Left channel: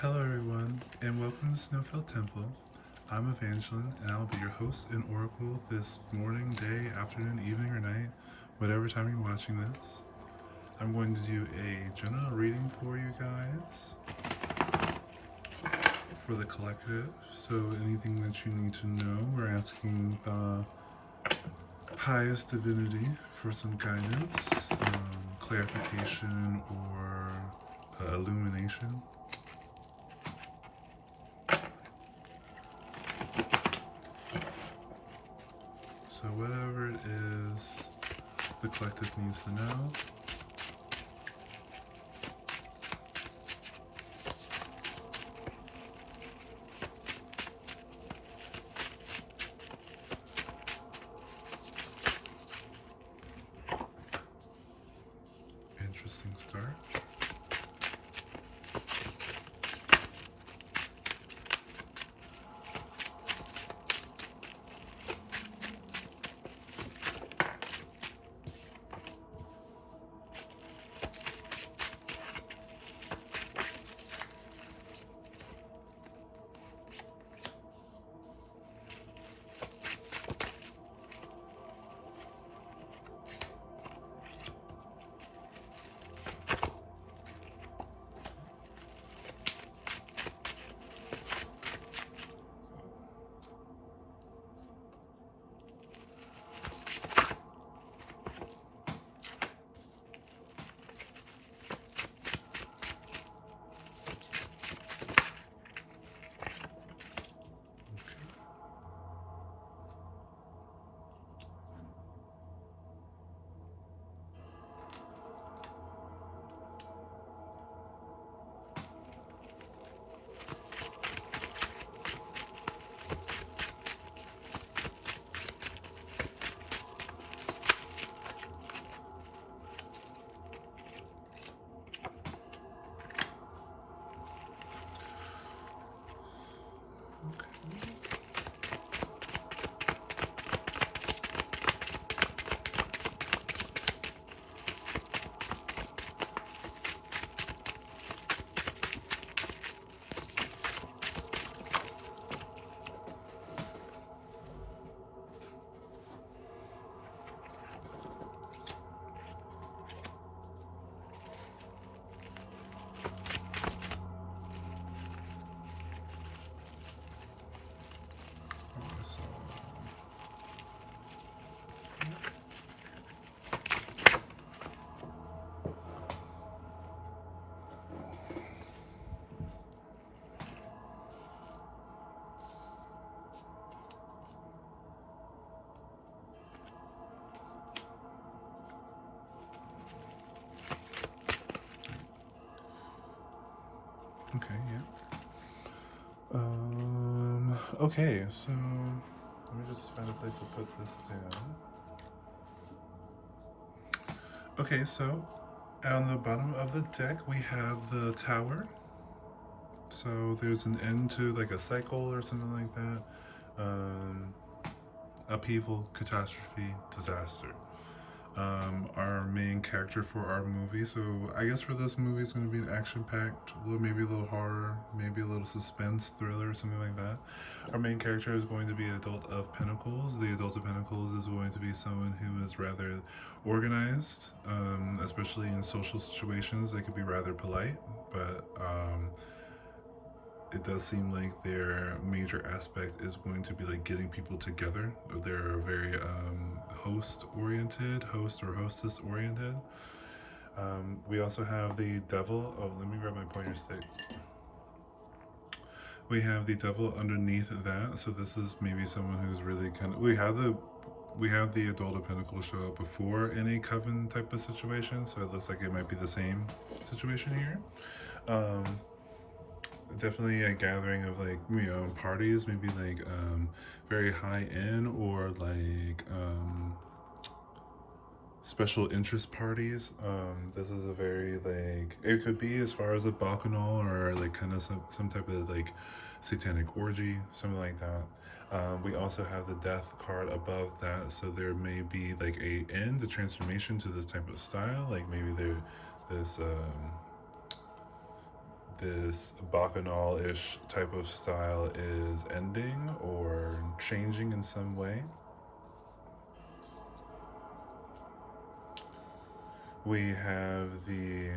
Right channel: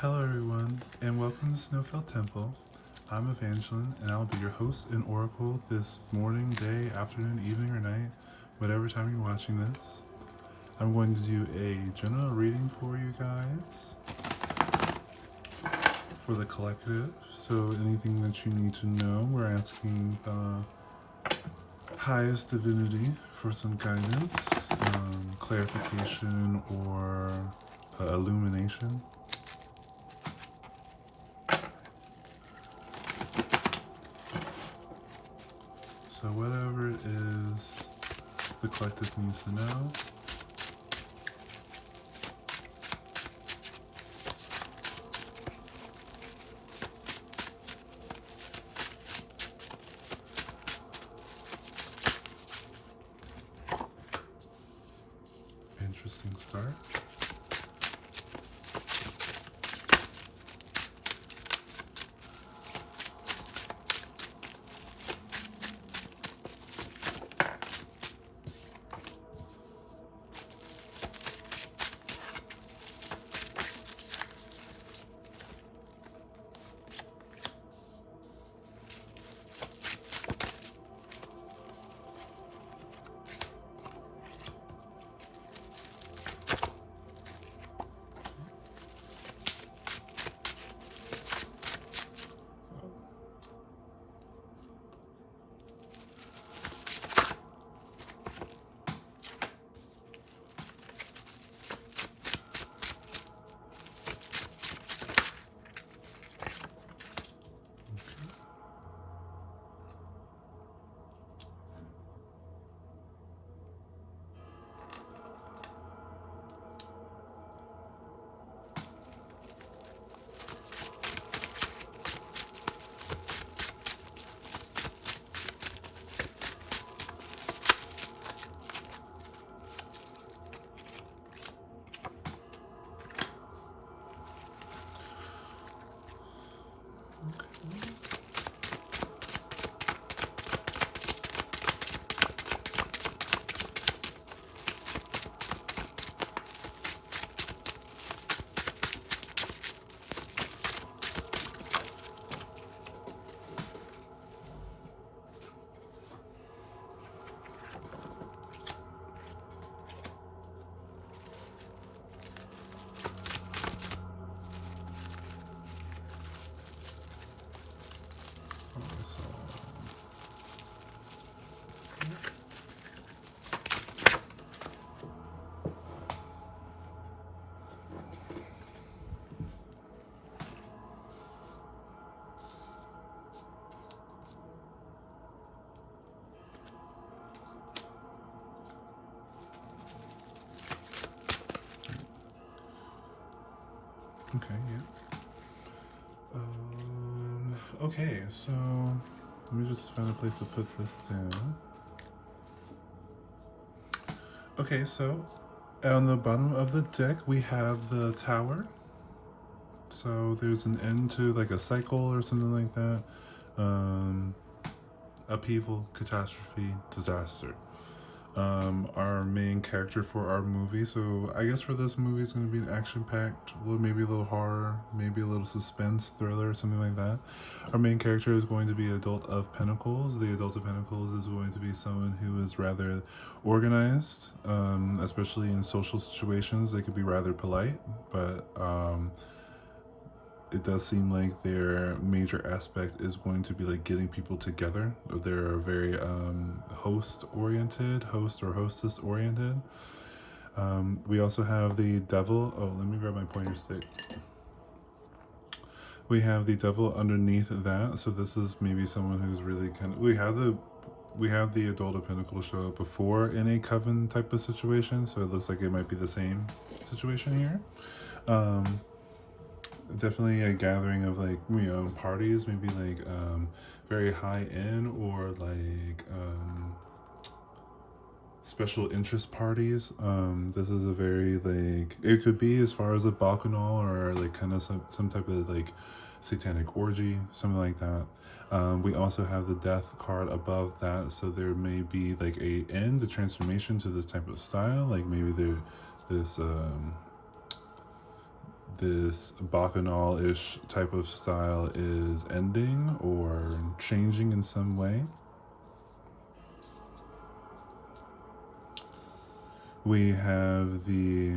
Hello everyone, and welcome to Snowfell Temple. I'm Evangeline, and I'll be your host and oracle this morning, day, afternoon, evening, or night, whatever time you're watching this. I'm going to do a general reading for you guys for the collective. So anything that you need to know, we're asking the highest divinity for some guidance, clarification, or illumination. So whatever it is the collective needs to know. Interesting start. So, okay, yeah. Okay, so let me just find a place to put this down. Okay, so on the bottom of the deck we have the tower. So there's an end to like a cycle or something like that. Um, Upheaval, catastrophe, disaster. Our main character for our movie. So I guess for this movie, it's going to be an action-packed, maybe a little horror, maybe a little suspense, thriller, something like that. Our main character is going to be Adult of Pentacles. The Adult of Pentacles is going to be someone who is rather organized, especially in social situations. They could be rather polite, but it does seem like their major aspect is going to be like getting people together. They're very host or hostess oriented. We also have the devil. Oh, let me grab my pointer stick. We have the devil underneath that. So this is maybe someone who's really kind of, we have the Adult of Pentacles show up before in a coven type of situation, so it looks like it might be the same situation here. Definitely a gathering of like, parties, maybe like very high end, or like special interest parties. This is a very like, it could be as far as a bacchanal, or like kind of some type of like satanic orgy, something like that. We also have the death card above that, so there may be like a end, a transformation to this type of style. Like maybe there this this bacchanal-ish type of style is ending or changing in some way. We have the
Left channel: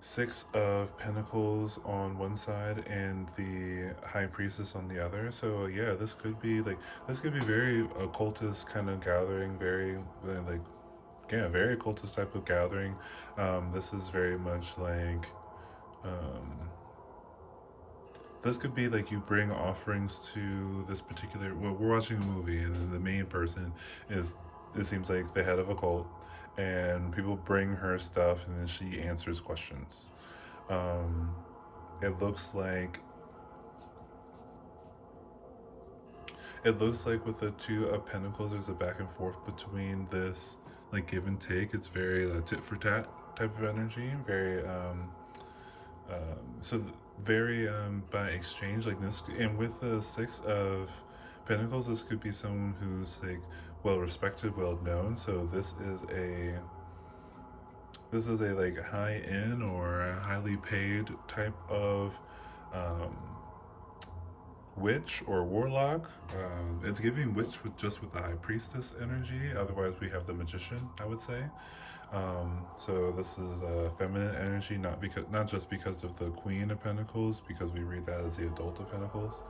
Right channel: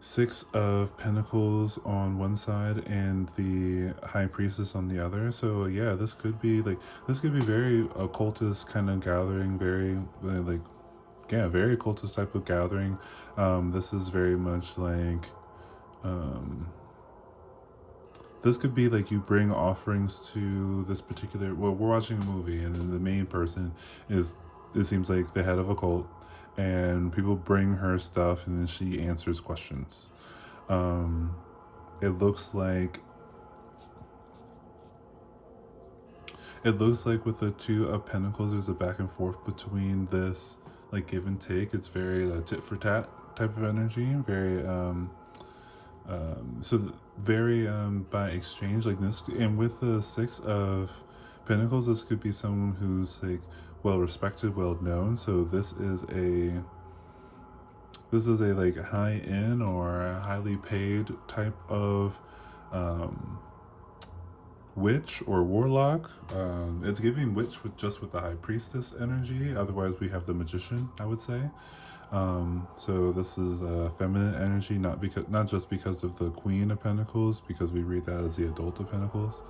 Six of Pentacles on one side and the High Priestess on the other. So yeah, this could be very occultist kind of gathering, very like yeah, very occultist type of gathering. This is very much like this could be like you bring offerings to this particular. Well, we're watching a movie, and then the main person is, it seems like, the head of a cult, and people bring her stuff, and then she answers questions. Um, it looks like with the Two of Pentacles, there's a back and forth between this, like, give and take. It's very tit for tat type of energy, very so very by exchange like this. And with the Six of Pentacles, this could be someone who's like well respected, well known. So this is a like high end or a highly paid type of witch or warlock. It's giving witch with the High Priestess energy. Otherwise, we have the Magician, I would say. So this is feminine energy, not just because of the Queen of Pentacles, because we read that as the Adult of Pentacles.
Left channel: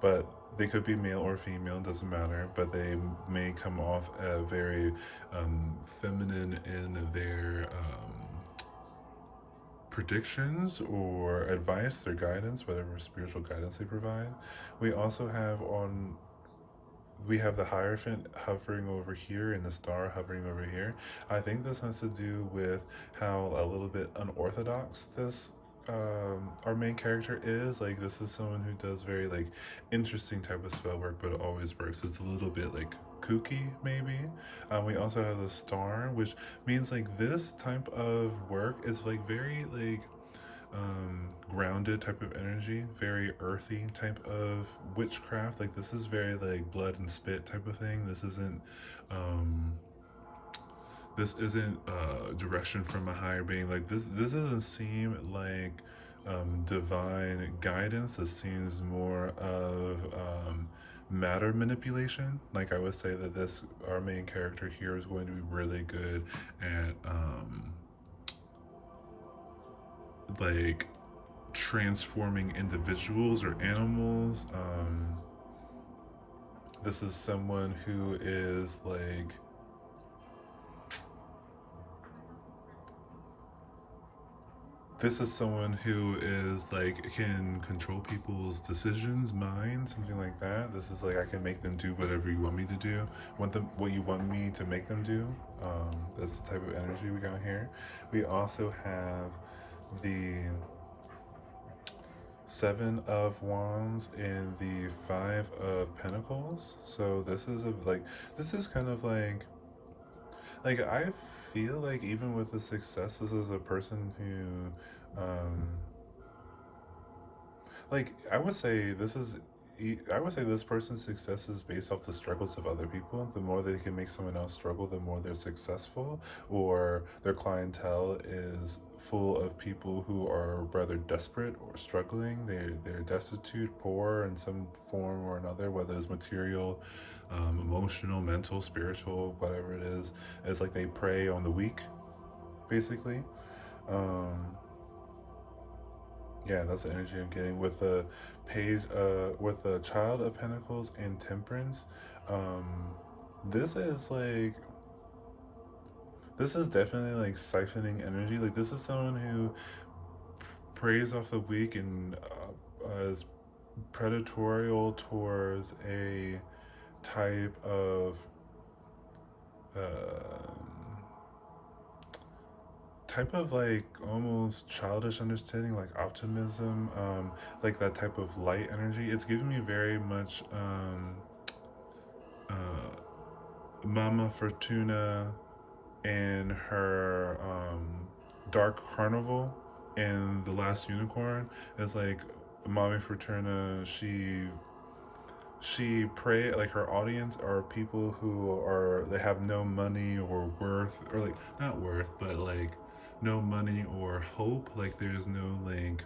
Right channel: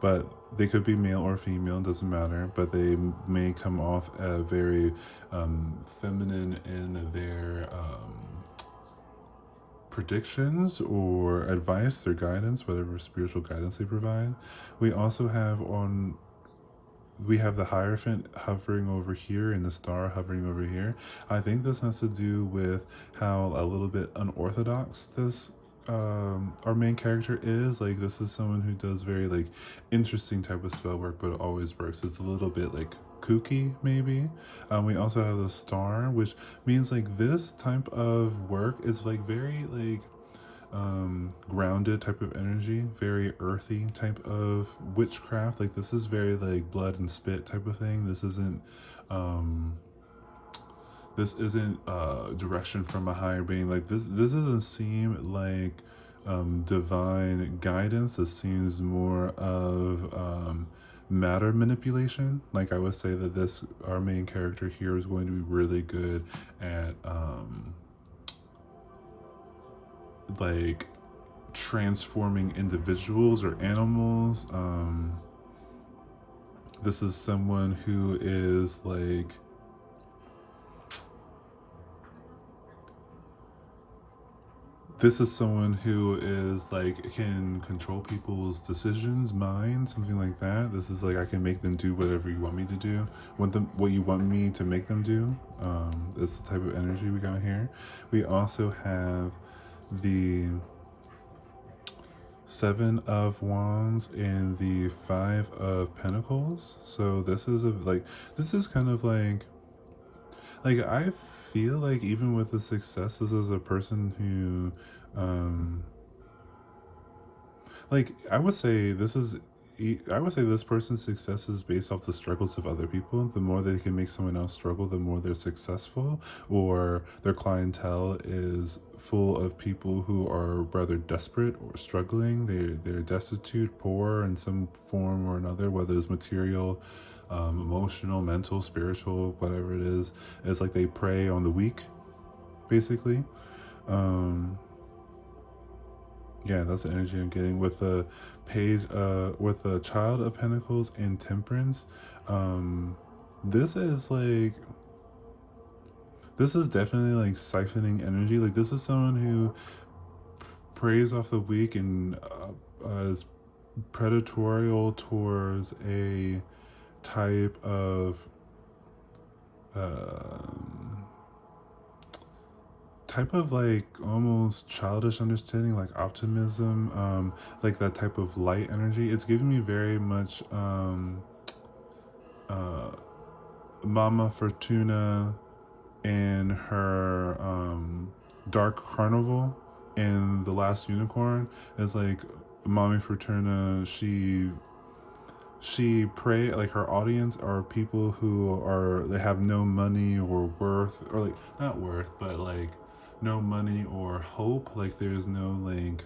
But they could be male or female, doesn't matter. But they may come off very feminine in their predictions or advice or guidance, whatever spiritual guidance they provide. We also have the Hierophant hovering over here and the star hovering over here. I think this has to do with how a little bit unorthodox this our main character is. Like, this is someone who does very like interesting type of spell work, but it always works. It's a little bit like kooky, maybe. We also have the star, which means like this type of work is like very like grounded type of energy, very earthy type of witchcraft. Like, this is very like blood and spit type of thing. This isn't direction from a higher being. Like, this doesn't seem like divine guidance. This seems more of matter manipulation. Like, I would say that our main character here is going to be really good at like transforming individuals or animals. This is someone who is like can control people's decisions, mind, something like that. This is like, I can make them do whatever you want me to do, what you want me to make them do. That's the type of energy we got here. We also have the Seven of Wands and the Five of Pentacles. So this is kind of like I feel like even with the success, this is a person who like I would say this person's success is based off the struggles of other people. The more they can make someone else struggle, the more they're successful, or their clientele is full of people who are rather desperate or struggling. They're destitute, poor in some form or another, whether it's material, emotional, mental, spiritual, whatever it is. It's like they prey on the weak, basically. Yeah, that's the energy I'm getting with the page, with the Child of Pentacles and Temperance. This is definitely like siphoning energy. Like, this is someone who preys off the weak and is predatorial towards a type of like almost childish understanding, like optimism, like that type of light energy. It's giving me very much Mama Fortuna and her Dark Carnival and The Last Unicorn. Is like Mommy Fortuna, she pray, like, her audience are people who they have no money or worth, or like not worth, but like no money or hope. Like there's no like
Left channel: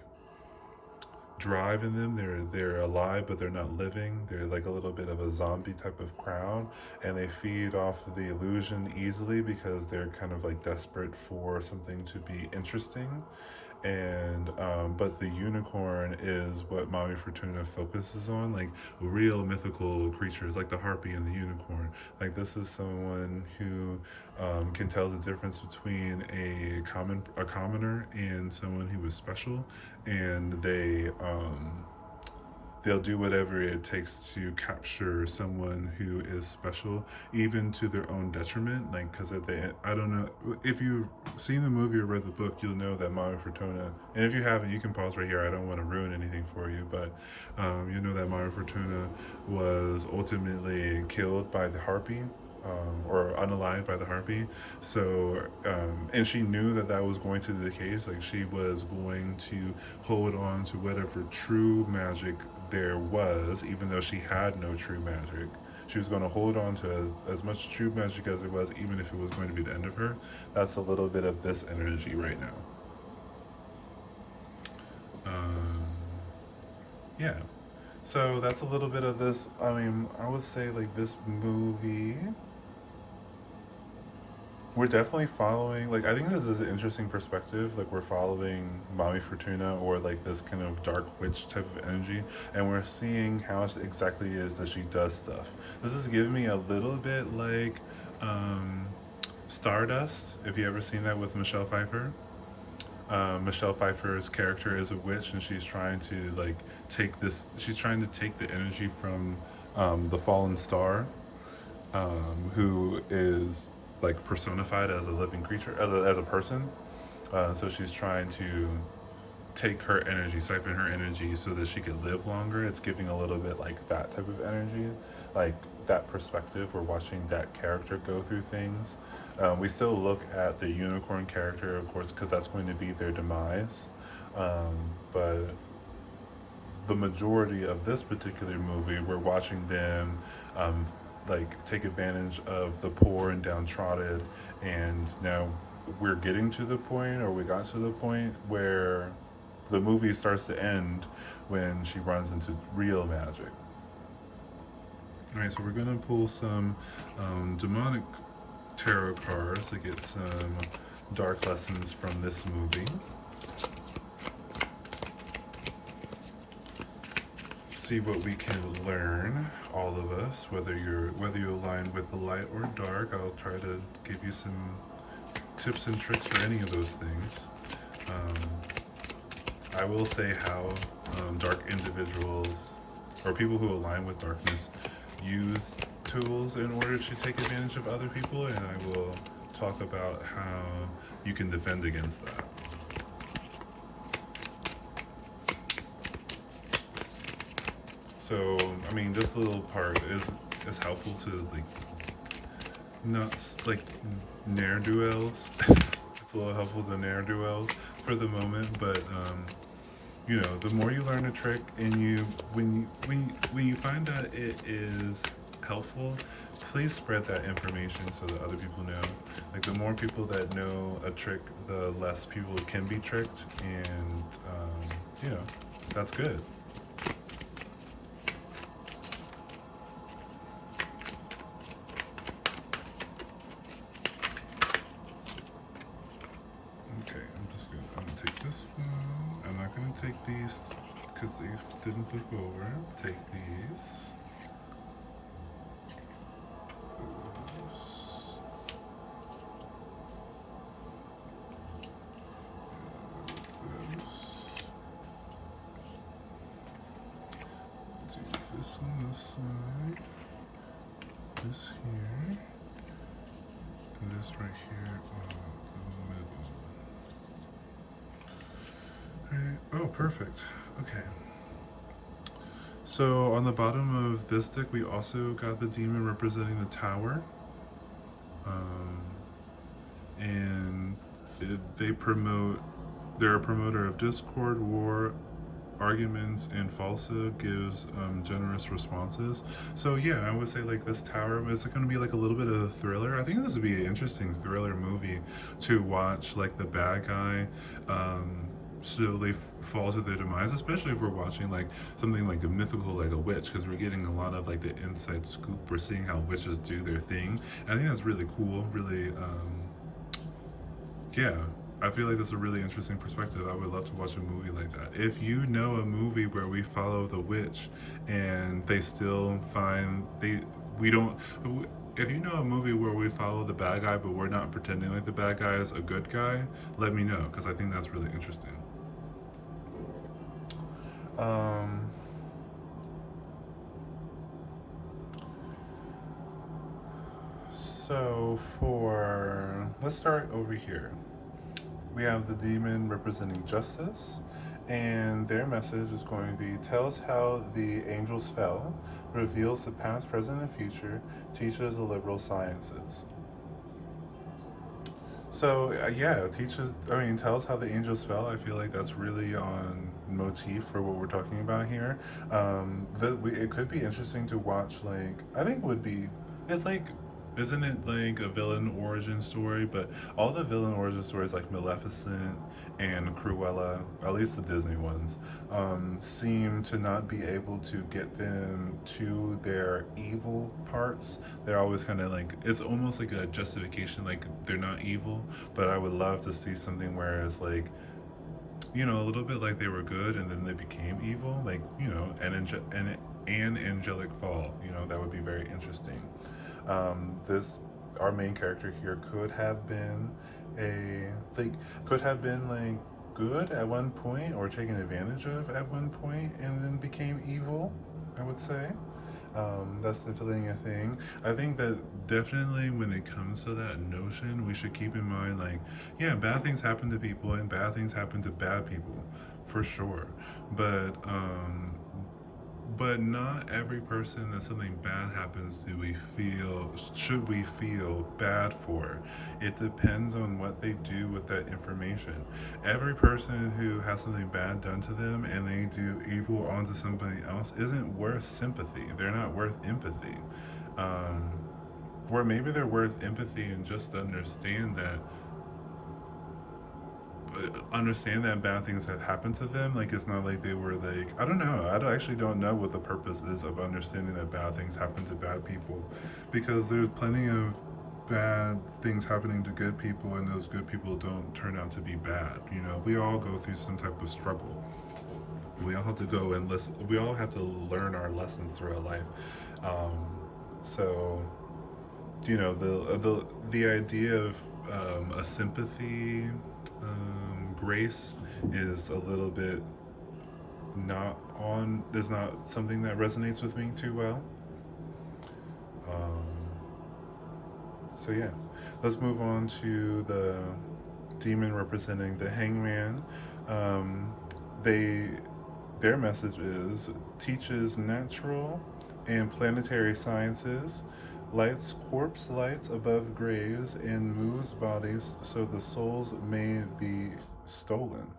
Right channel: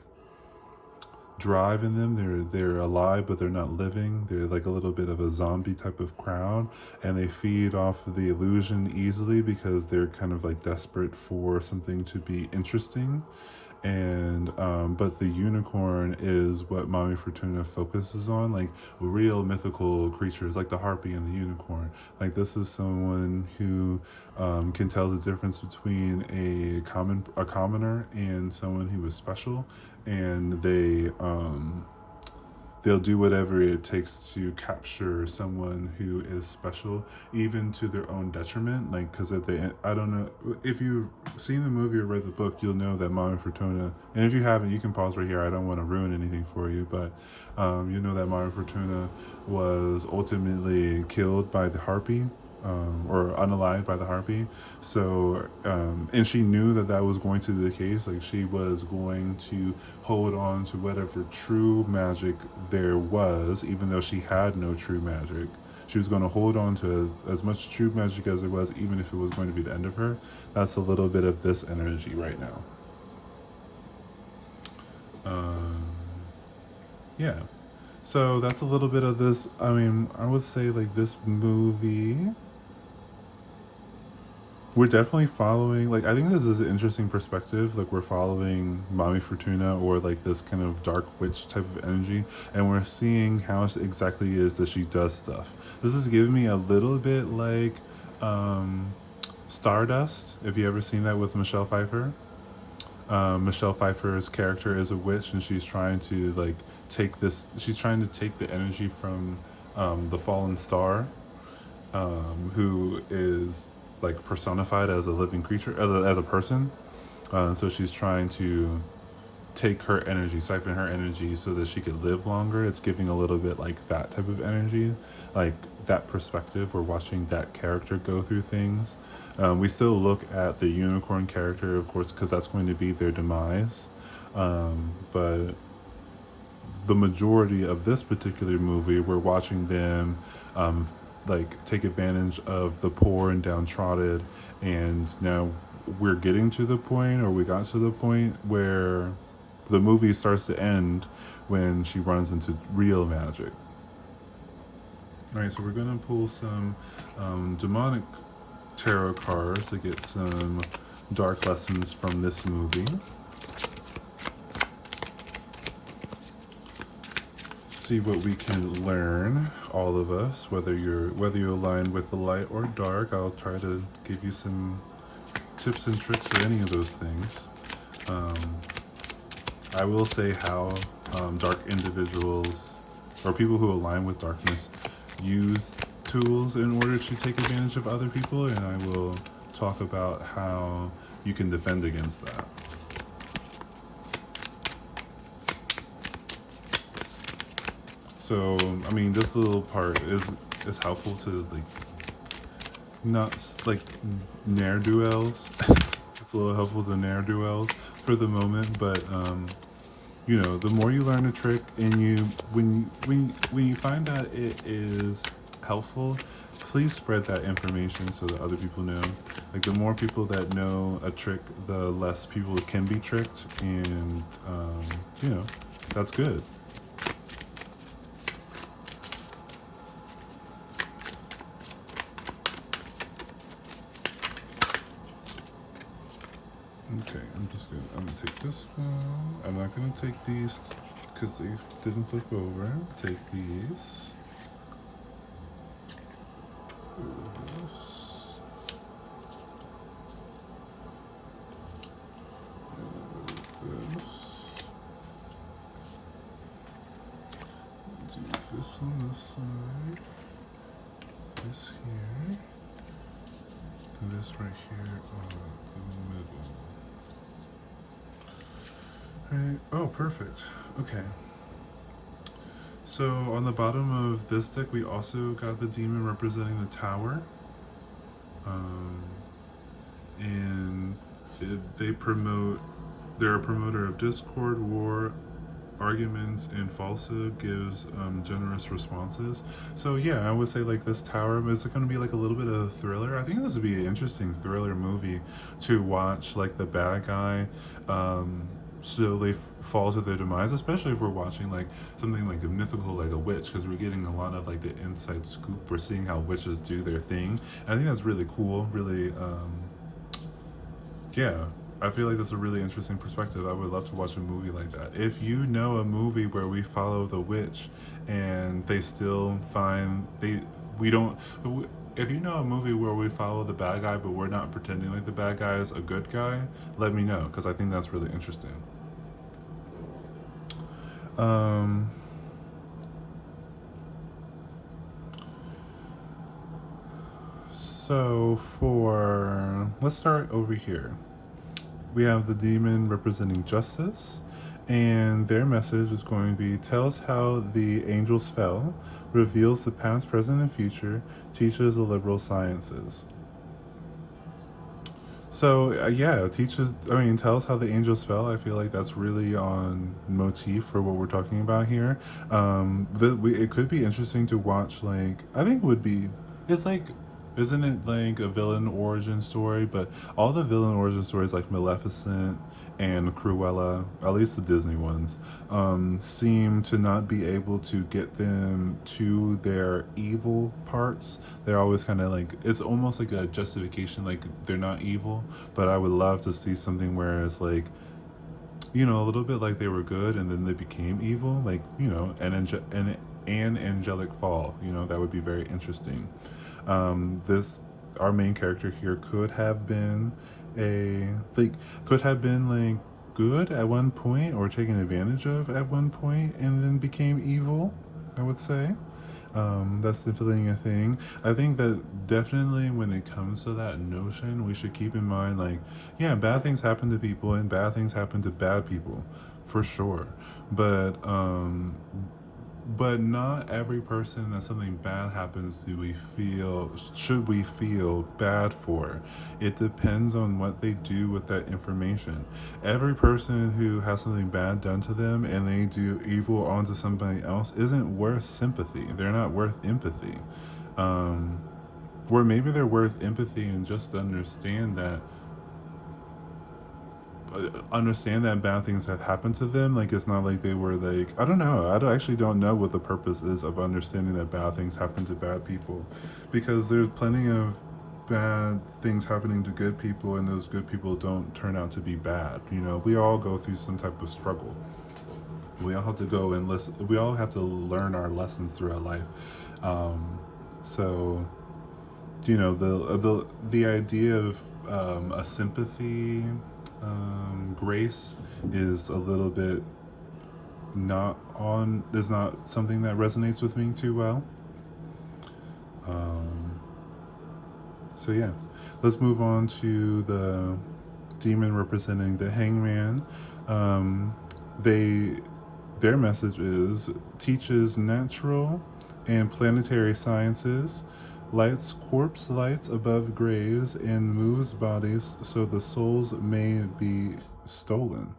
drive in them. They're alive, but they're not living. They're like a little bit of a zombie type of crowd, and they feed off of the illusion easily because they're kind of like desperate for something to be interesting. And but the unicorn is what Mommy Fortuna focuses on, like real mythical creatures like the harpy and the unicorn. Like this is someone who can tell the difference between a commoner and someone who is special, and they'll do whatever it takes to capture someone who is special, even to their own detriment. Like, because at the end, I don't know if you've seen the movie or read the book, you'll know that Mama Fortuna, and if you haven't, you can pause right here. I don't want to ruin anything for you, but you know that Mama Fortuna was ultimately killed by the harpy, or unalived by the harpy. So, and she knew that that was going to be the case. Like she was going to hold on to whatever true magic there was, even though she had no true magic. She was going to hold on to as much true magic as it was, even if it was going to be the end of her. That's a little bit of this energy right now. Um, yeah. So that's a little bit of this. I mean, I would say like this movie, we're definitely following, like I think this is an interesting perspective. Like we're following Mommy Fortuna, or like this kind of dark witch type of energy, and we're seeing how exactly it is that she does stuff. This is giving me a little bit like Stardust, if you ever seen that with Michelle Pfeiffer. Michelle Pfeiffer's character is a witch, and she's trying to like she's trying to take the energy from the fallen star, who is like personified as a living creature, as a person. So she's trying to take her energy, siphon her energy, so that she could live longer. It's giving a little bit like that type of energy, like that perspective. We're watching that character go through things. We still look at the unicorn character, of course, because that's going to be their demise. But the majority of this particular movie, we're watching them like take advantage of the poor and downtrodden, and now we're getting to the point, or we got to the point where the movie starts to end when she runs into real magic. All right, so we're gonna pull some demonic tarot cards to get some dark lessons from this movie. See what we can learn, all of us, whether you align with the light or dark. I'll try to give you some tips and tricks for any of those things. Um, I will say how dark individuals, or people who align with darkness, use tools in order to take advantage of other people, and I will talk about how you can defend against that. So, I mean, this little part is helpful to like not like ne'er do wells. It's a little helpful to ne'er do wells for the moment, but you know, the more you learn a trick, and when you find that it is helpful, please spread that information so that other people know. Like the more people that know a trick, the less people can be tricked, and you know, that's good. Okay, I'm gonna take this one. I'm not gonna take these because they didn't flip over. Take these. This. This. Do this on this side. This here. And this right here on the middle. Right. Oh, perfect. Okay. So on the bottom of this deck, we also got the demon representing the tower, and they promote. They're a promoter of discord, war, arguments, and falsehood gives generous responses. So yeah, I would say like this tower is going to be like a little bit of a thriller. I think this would be an interesting thriller movie to watch, like the bad guy slowly fall to their demise, especially if we're watching like something like a mythical, like a witch, because we're getting a lot of like the inside scoop. We're seeing how witches do their thing. I think that's really cool. Really, yeah, I feel like that's a really interesting perspective. I would love to watch a movie like that. If you know a movie where we follow the witch and they still find we don't. If you know a movie where we follow the bad guy but we're not pretending like the bad guy is a good guy, let me know because I think that's really interesting. Um, so let's start over here. We have the demon representing justice, and their message is going to be tells how the angels fell, reveals the past, present, and future, teaches the liberal sciences. So yeah, teaches. I mean, tells how the angels fell. I feel like that's really on motif for what we're talking about here. It could be interesting to watch. Like, I think it would be. It's like, isn't it like a villain origin story? But all the villain origin stories, like Maleficent and Cruella, at least the Disney ones, seem to not be able to get them to their evil parts. They're always kind of like, it's almost like a justification, like they're not evil. But I would love to see something where it's like, a little bit like they were good and then they became evil, like, an angelic fall. That would be very interesting. This Our main character here like could have been like good at one point or taken advantage of at one point and then became evil, I would say. That's definitely a thing. I think that definitely when it comes to that notion, we should keep in mind like, yeah, bad things happen to people and bad things happen to bad people, for sure. But not every person that something bad happens to should we feel bad for. It depends on what they do with that information. Every person who has something bad done to them and they do evil onto somebody else isn't worth sympathy. They're not worth empathy. um, where maybe they're worth empathy and just understand that bad things have happened to them. Like, it's not like they were like, I don't know. Actually don't know what the purpose is of understanding that bad things happen to bad people, because there's plenty of bad things happening to good people, and those good people don't turn out to be bad. We all go through some type of struggle. We all have to go and listen. We all have to learn our lessons throughout life. So the idea of a sympathy grace is a little bit is not something that resonates with me too well. um, so yeah, let's move on to the demon representing the hangman. um, they their message is teaches natural and planetary sciences, lights corpse lights above graves, and moves bodies so the souls may be stolen.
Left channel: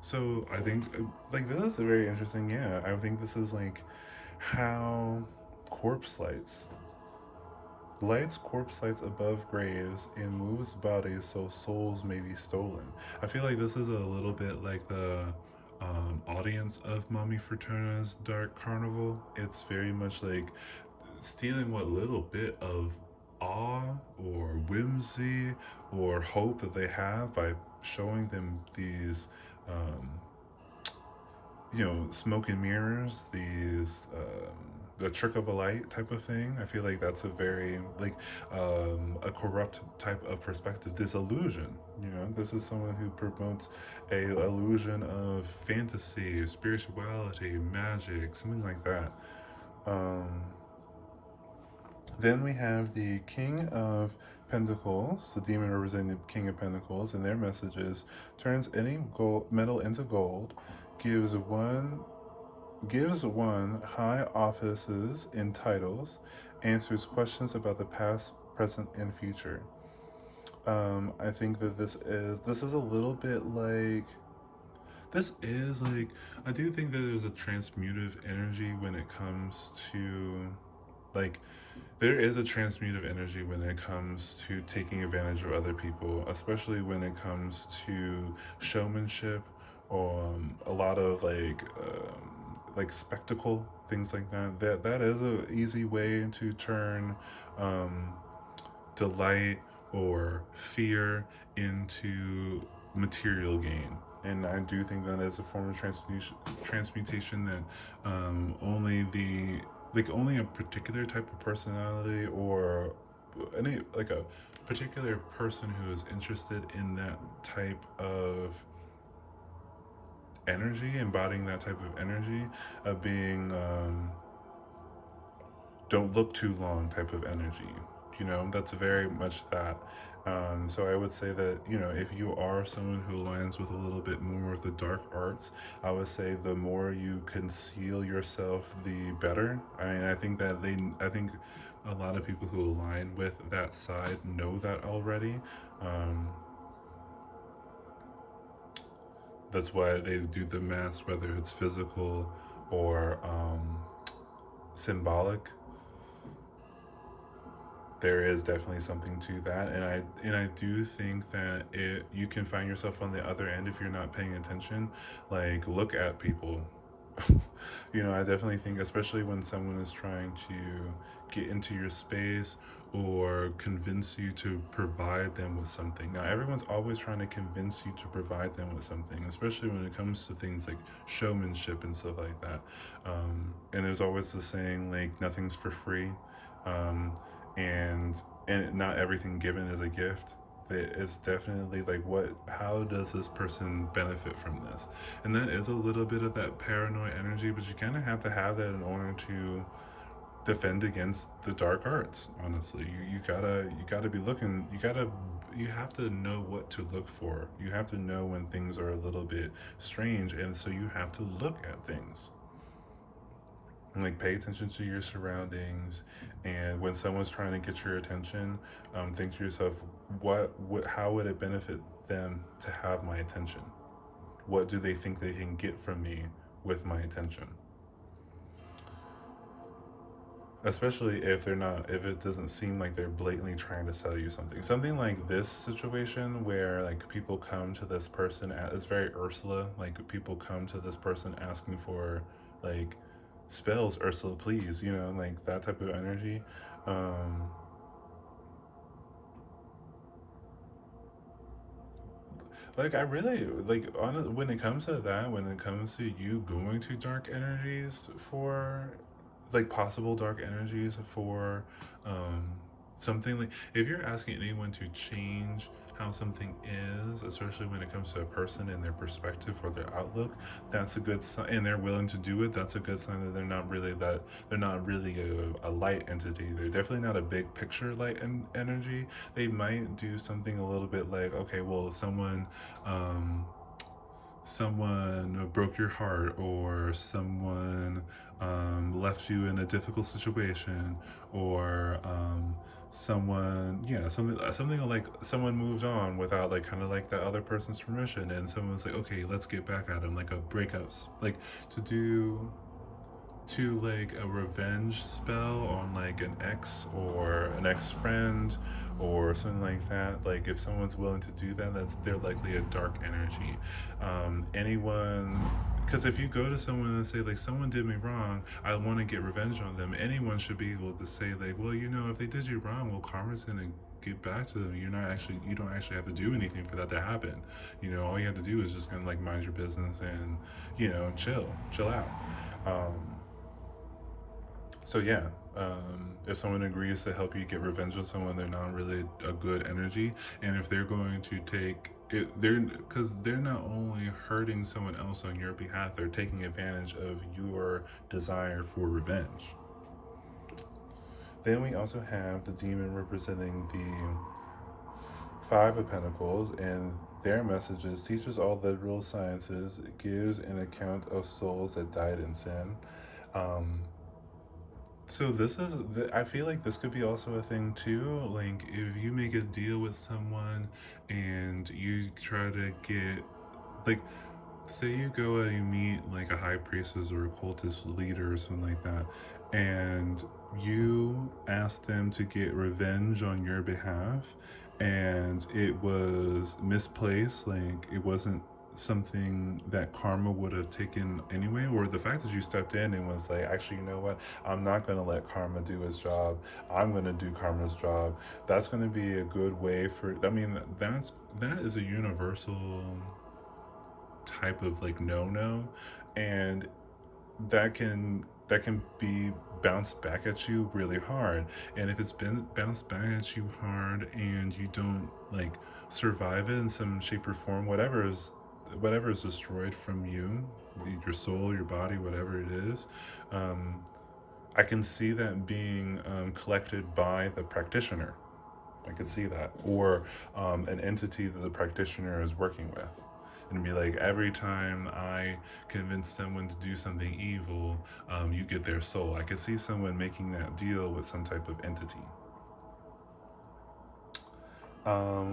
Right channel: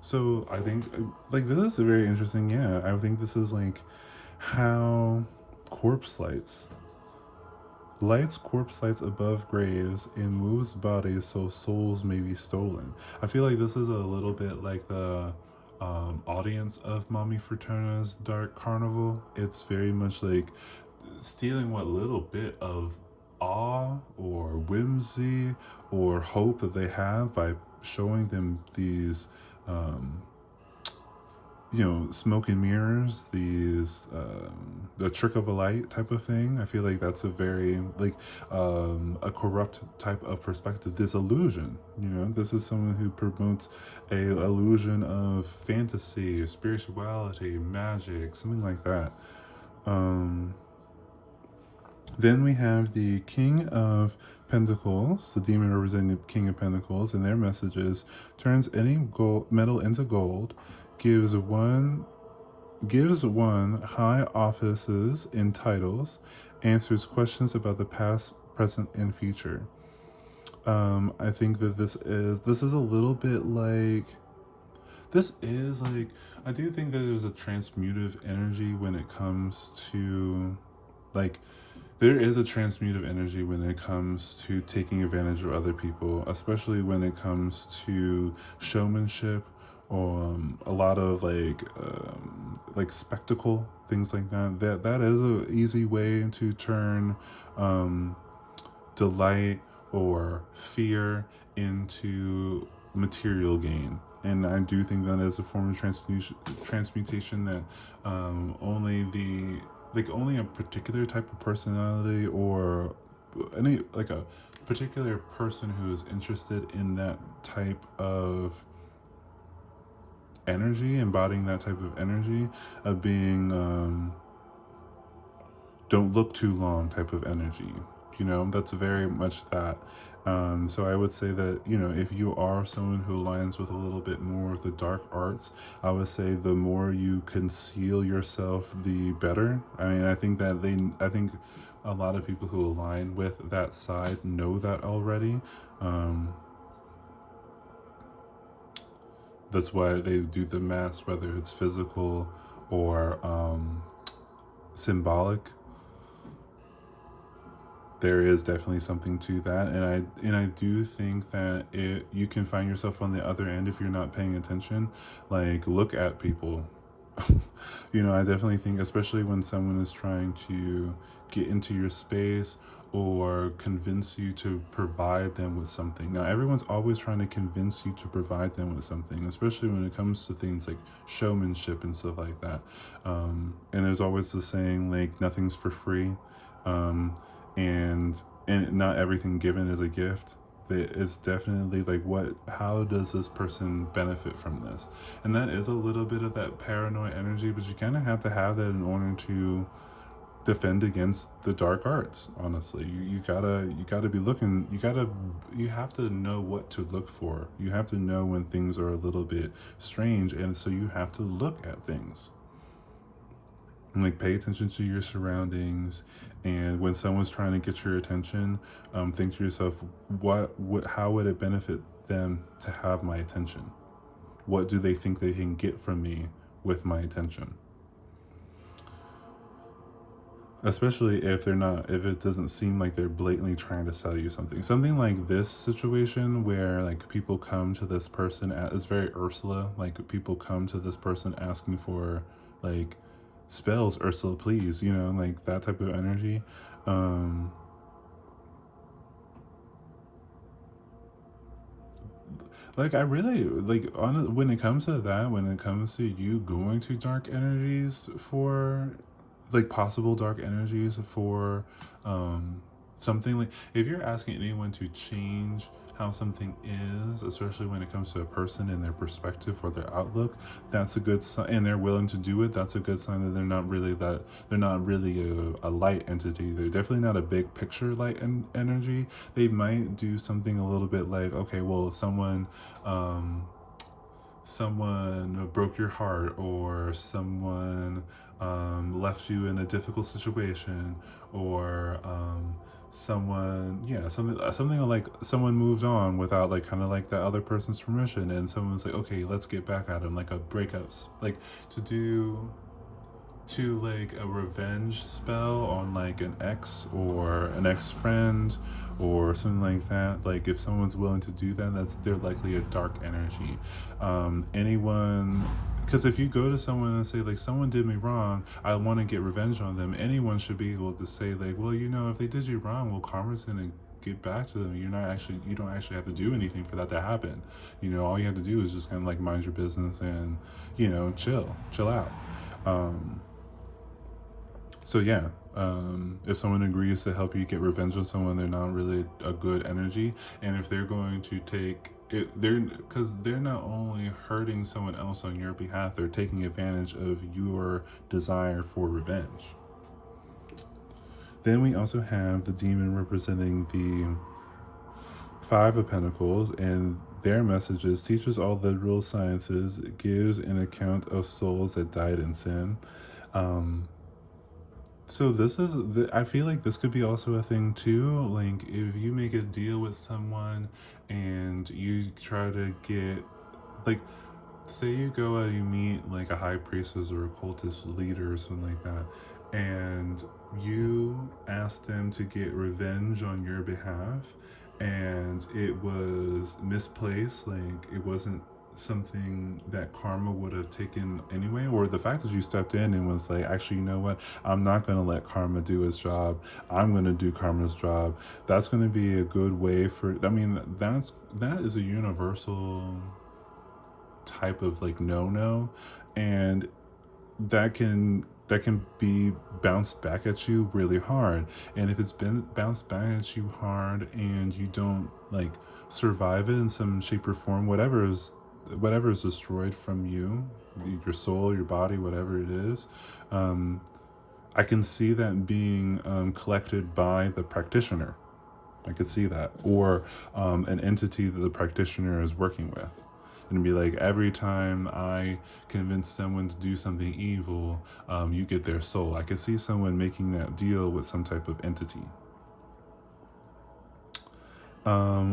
So I think like this is very interesting. Yeah, I think this is like how corpse lights corpse lights above graves and moves bodies so souls may be stolen. I feel like this is a little bit like the audience of Mommy Fraterna's Dark Carnival. It's very much like stealing what little bit of awe or whimsy or hope that they have by showing them these um, smoke and mirrors, these the trick of a light type of thing. I feel like that's a very like a corrupt type of perspective. This illusion, this is someone who promotes a illusion of fantasy, spirituality, magic, something like that. Um, then we have the King of Pentacles, the demon representing the King of Pentacles, and their message is turns any metal into gold, gives one high offices and titles, answers questions about the past, present, and future. I think that this is a little bit like this is like, I do think that there's a transmutive energy when it comes to, like, there is a transmutive energy when it comes to taking advantage of other people, especially when it comes to showmanship, a lot of like spectacle, things like that. That is a easy way to turn um, delight or fear into material gain. And I do think that is a form of transmutation that only the like only a particular type of personality or any like a particular person who is interested in that type of energy, embodying that type of energy, of being don't look too long type of energy. That's very much that. So I would say that, if you are someone who aligns with a little bit more of the dark arts, I would say the more you conceal yourself, the better. I mean, I think a lot of people who align with that side know that already. Um, that's why they do the mask, whether it's physical or symbolic. There is definitely something to that, and I do think that you can find yourself on the other end if you're not paying attention. Like, look at people. I definitely think, especially when someone is trying to get into your space or convince you to provide them with something. Now, everyone's always trying to convince you to provide them with something, especially when it comes to things like showmanship and stuff like that. And there's always the saying, like, nothing's for free. Um, and not everything given is a gift. It's definitely like, how does this person benefit from this? And that is a little bit of that paranoid energy, but you kind of have to have that in order to defend against the dark arts. Honestly, you gotta be looking. You have to know what to look for. You have to know when things are a little bit strange, and so you have to look at things. Like, pay attention to your surroundings, and when someone's trying to get your attention, think to yourself, how would it benefit them to have my attention? What do they think they can get from me with my attention? Especially if it doesn't seem like they're blatantly trying to sell you something like this situation, where like people come to this person it's very Ursula, like people come to this person asking for like spells, Ursula please, like that type of energy. um like, I really like, on when it comes to that, when it comes to you going to dark energies for, like, possible dark energies for something, like, if you're asking anyone to change how something is, especially when it comes to a person and their perspective or their outlook, that's a good sign, and they're willing to do it. That's a good sign that they're not really a light entity. They're definitely not a big picture light energy. They might do something a little bit like, okay, well, um, someone broke your heart, or someone left you in a difficult situation, or something like someone moved on without, like, kind of like the other person's permission, and someone's like, okay, let's get back at him, like a breakups, like to do to like a revenge spell on like an ex or an ex-friend or something like that. Like, if someone's willing to do that, they're likely a dark energy. Anyone, because if you go to someone and say, like, someone did me wrong, I want to get revenge on them, anyone should be able to say, like, well, if they did you wrong, well, karma's gonna get back to them. You don't actually have to do anything for that to happen. All you have to do is just kind of like mind your business and chill out. um, so yeah, if someone agrees to help you get revenge on someone, they're not really a good energy. And if they're going to take it, because they're not only hurting someone else on your behalf, they're taking advantage of your desire for revenge. Then we also have the demon representing the Five of Pentacles, and their messages: teaches all literal sciences, gives an account of souls that died in sin. Um, So I feel like this could be also a thing too. Like, if you make a deal with someone and you try to get, like, say you go and you meet like a high priestess or a cultist leader or something like that, and you ask them to get revenge on your behalf, and it was misplaced, like it wasn't something that karma would have taken anyway, or the fact that you stepped in and was like, actually, you know what, I'm not going to let karma do its job, I'm going to do karma's job. That's going to be a good way for, I mean, that is a universal type of like no, and that can be bounced back at you really hard. And if it's been bounced back at you hard and you don't like survive it in some shape or form, whatever is destroyed from you, your soul, your body, whatever it is, um, I can see that being collected by the practitioner. I could see that, or an entity that the practitioner is working with, and be like, every time I convince someone to do something evil, you get their soul. I could see someone making that deal with some type of entity.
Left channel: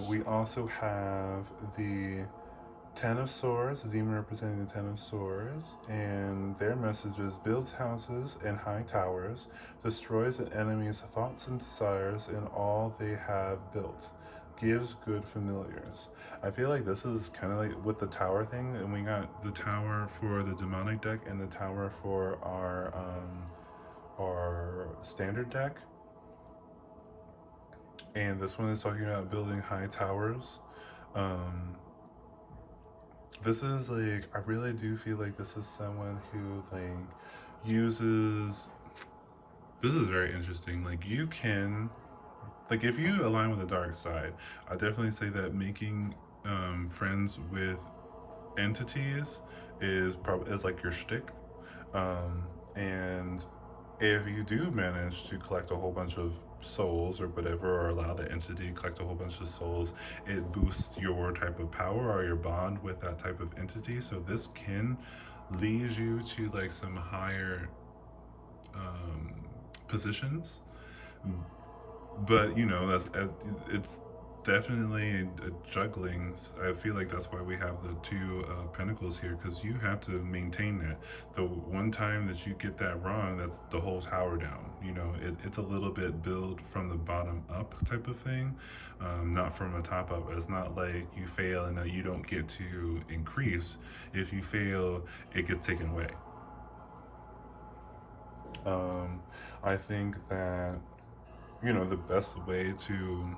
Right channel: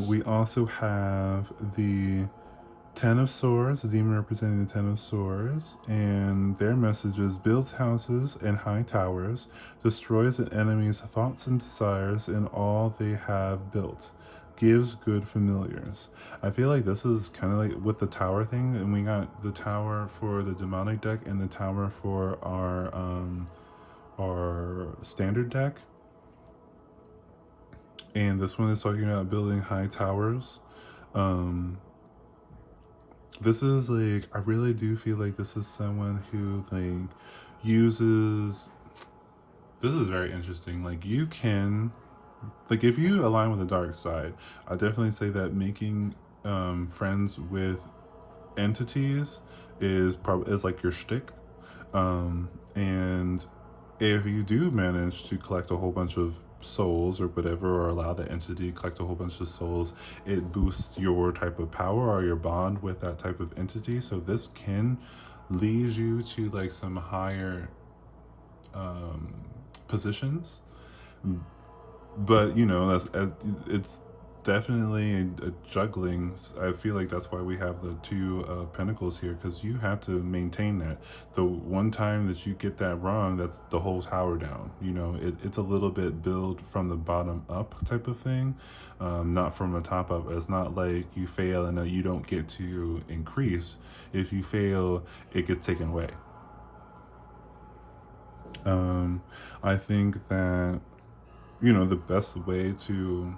We also have the Ten of Swords, the demon representing the Ten of Swords, and their message is: builds houses and high towers, destroys an enemy's thoughts and desires and all they have built, gives good familiars. I feel like this is kind of like with the tower thing, and we got the tower for the demonic deck and the tower for our standard deck, and this one is talking about building high towers. Um, this is like, I really do feel like this is someone who like uses, this is very interesting, like you can, like if you align with the dark side, I definitely say that making friends with entities is like your shtick. And if you do manage to collect a whole bunch of souls or whatever, or allow that entity to collect a whole bunch of souls, it boosts your type of power or your bond with that type of entity. So this can lead you to like some higher um, positions, but you know, it's definitely a juggling. I feel like that's why we have the two of pentacles here, because you have to maintain that. The one time that you get that wrong, that's the whole tower down. You know, it's a little bit build from the bottom up type of thing, not from the top up. It's not like you fail and you don't get to increase. If you fail, it gets taken away. um, I think that, you know, the best way to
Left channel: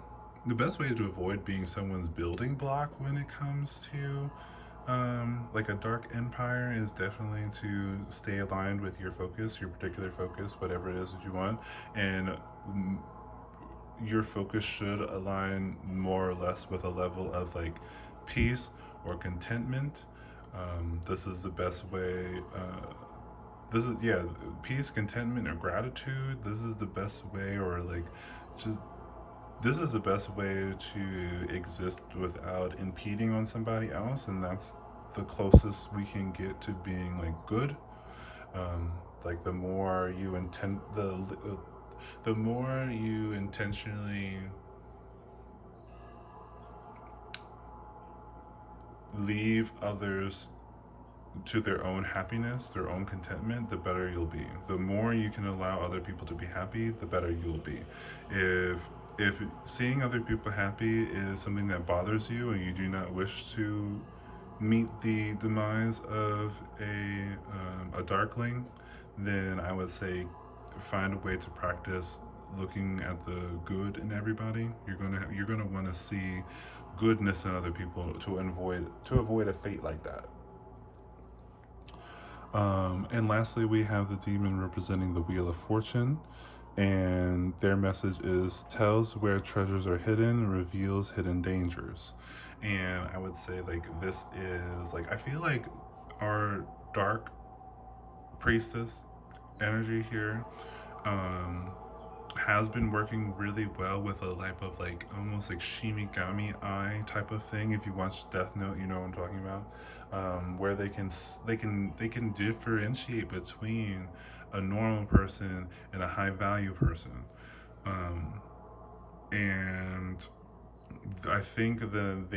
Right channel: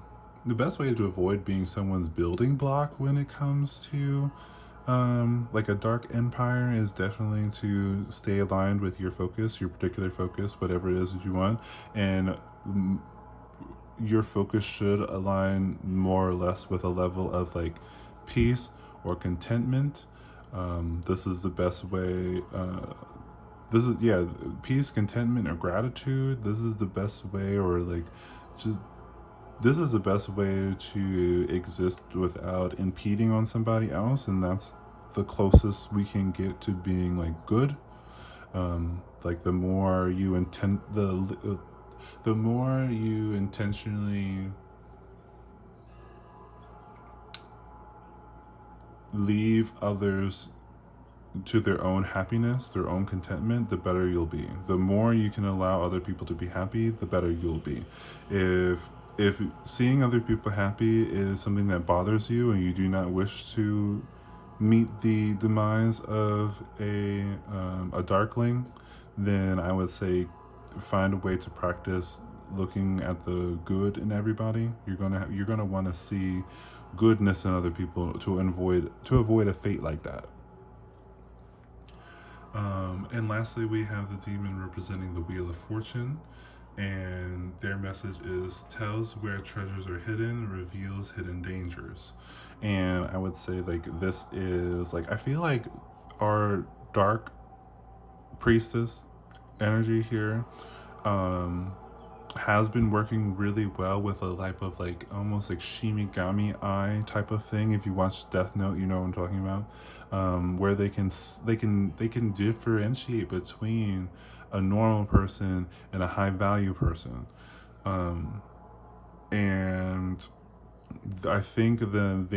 avoid being someone's building block when it comes to like a dark empire is definitely to stay aligned with your focus, your particular focus, whatever it is that you want. And your focus should align more or less with a level of like peace or contentment. This is the best way. This is, yeah, peace, contentment, or gratitude. This is the best way, or like just, this is the best way to exist without impeding on somebody else, and that's the closest we can get to being like good. Like the more you the more you intentionally leave others to their own happiness, their own contentment, the better you'll be. The more you can allow other people to be happy, the better you'll be. If seeing other people happy is something that bothers you and you do not wish to meet the demise of a darkling, then I would say find a way to practice looking at the good in everybody. You're gonna want to see goodness in other people to avoid a fate like that. And lastly, we have the demon representing the Wheel of Fortune, and their message is: tells where treasures are hidden, reveals hidden dangers. And I would say like this is like, I feel like our dark priestess energy here um has been working really well with a type of like almost like Shimigami eye type of thing. If you watch Death Note, you know what I'm talking about. Where they can differentiate between a normal person and a high value person. Um, and I think that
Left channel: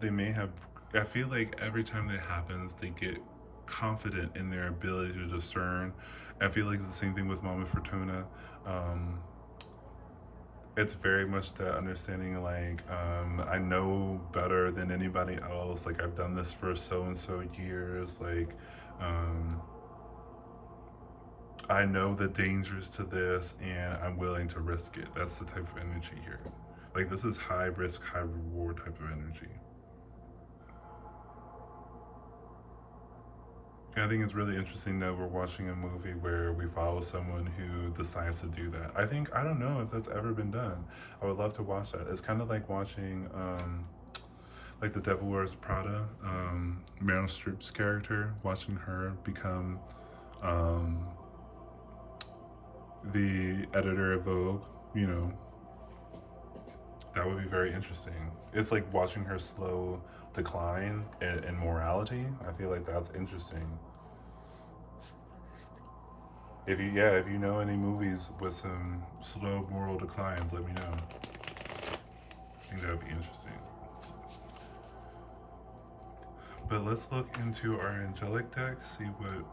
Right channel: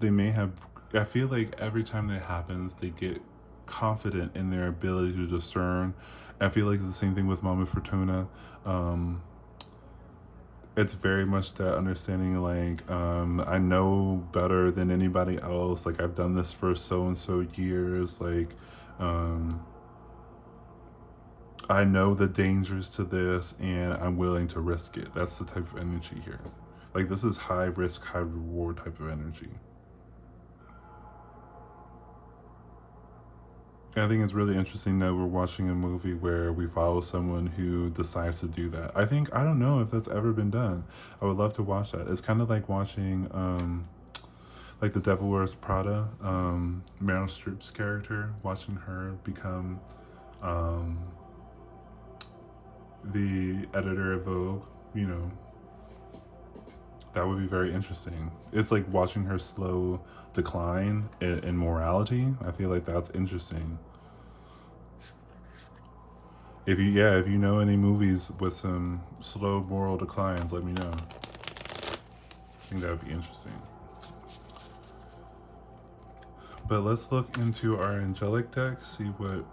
they may have I feel like every time that happens, they get confident in their ability to discern. I feel like it's the same thing with Mama Fortuna. Um, it's very much that understanding, like, I know better than anybody else. Like, I've done this for so and so years. Like, um, I know the dangers to this and I'm willing to risk it. That's the type of energy here. Like, this is high risk, high reward type of energy. I think it's really interesting that we're watching a movie where we follow someone who decides to do that. I don't know if that's ever been done. I would love to watch that. It's kind of like watching, like The Devil Wears Prada, Meryl Streep's character, watching her become um, the editor of Vogue. You know, that would be very interesting. It's like watching her slow decline in morality. I feel like that's interesting. If you know any movies with some slow moral declines, let me know. I think that would be interesting. But let's look into our angelic deck, see what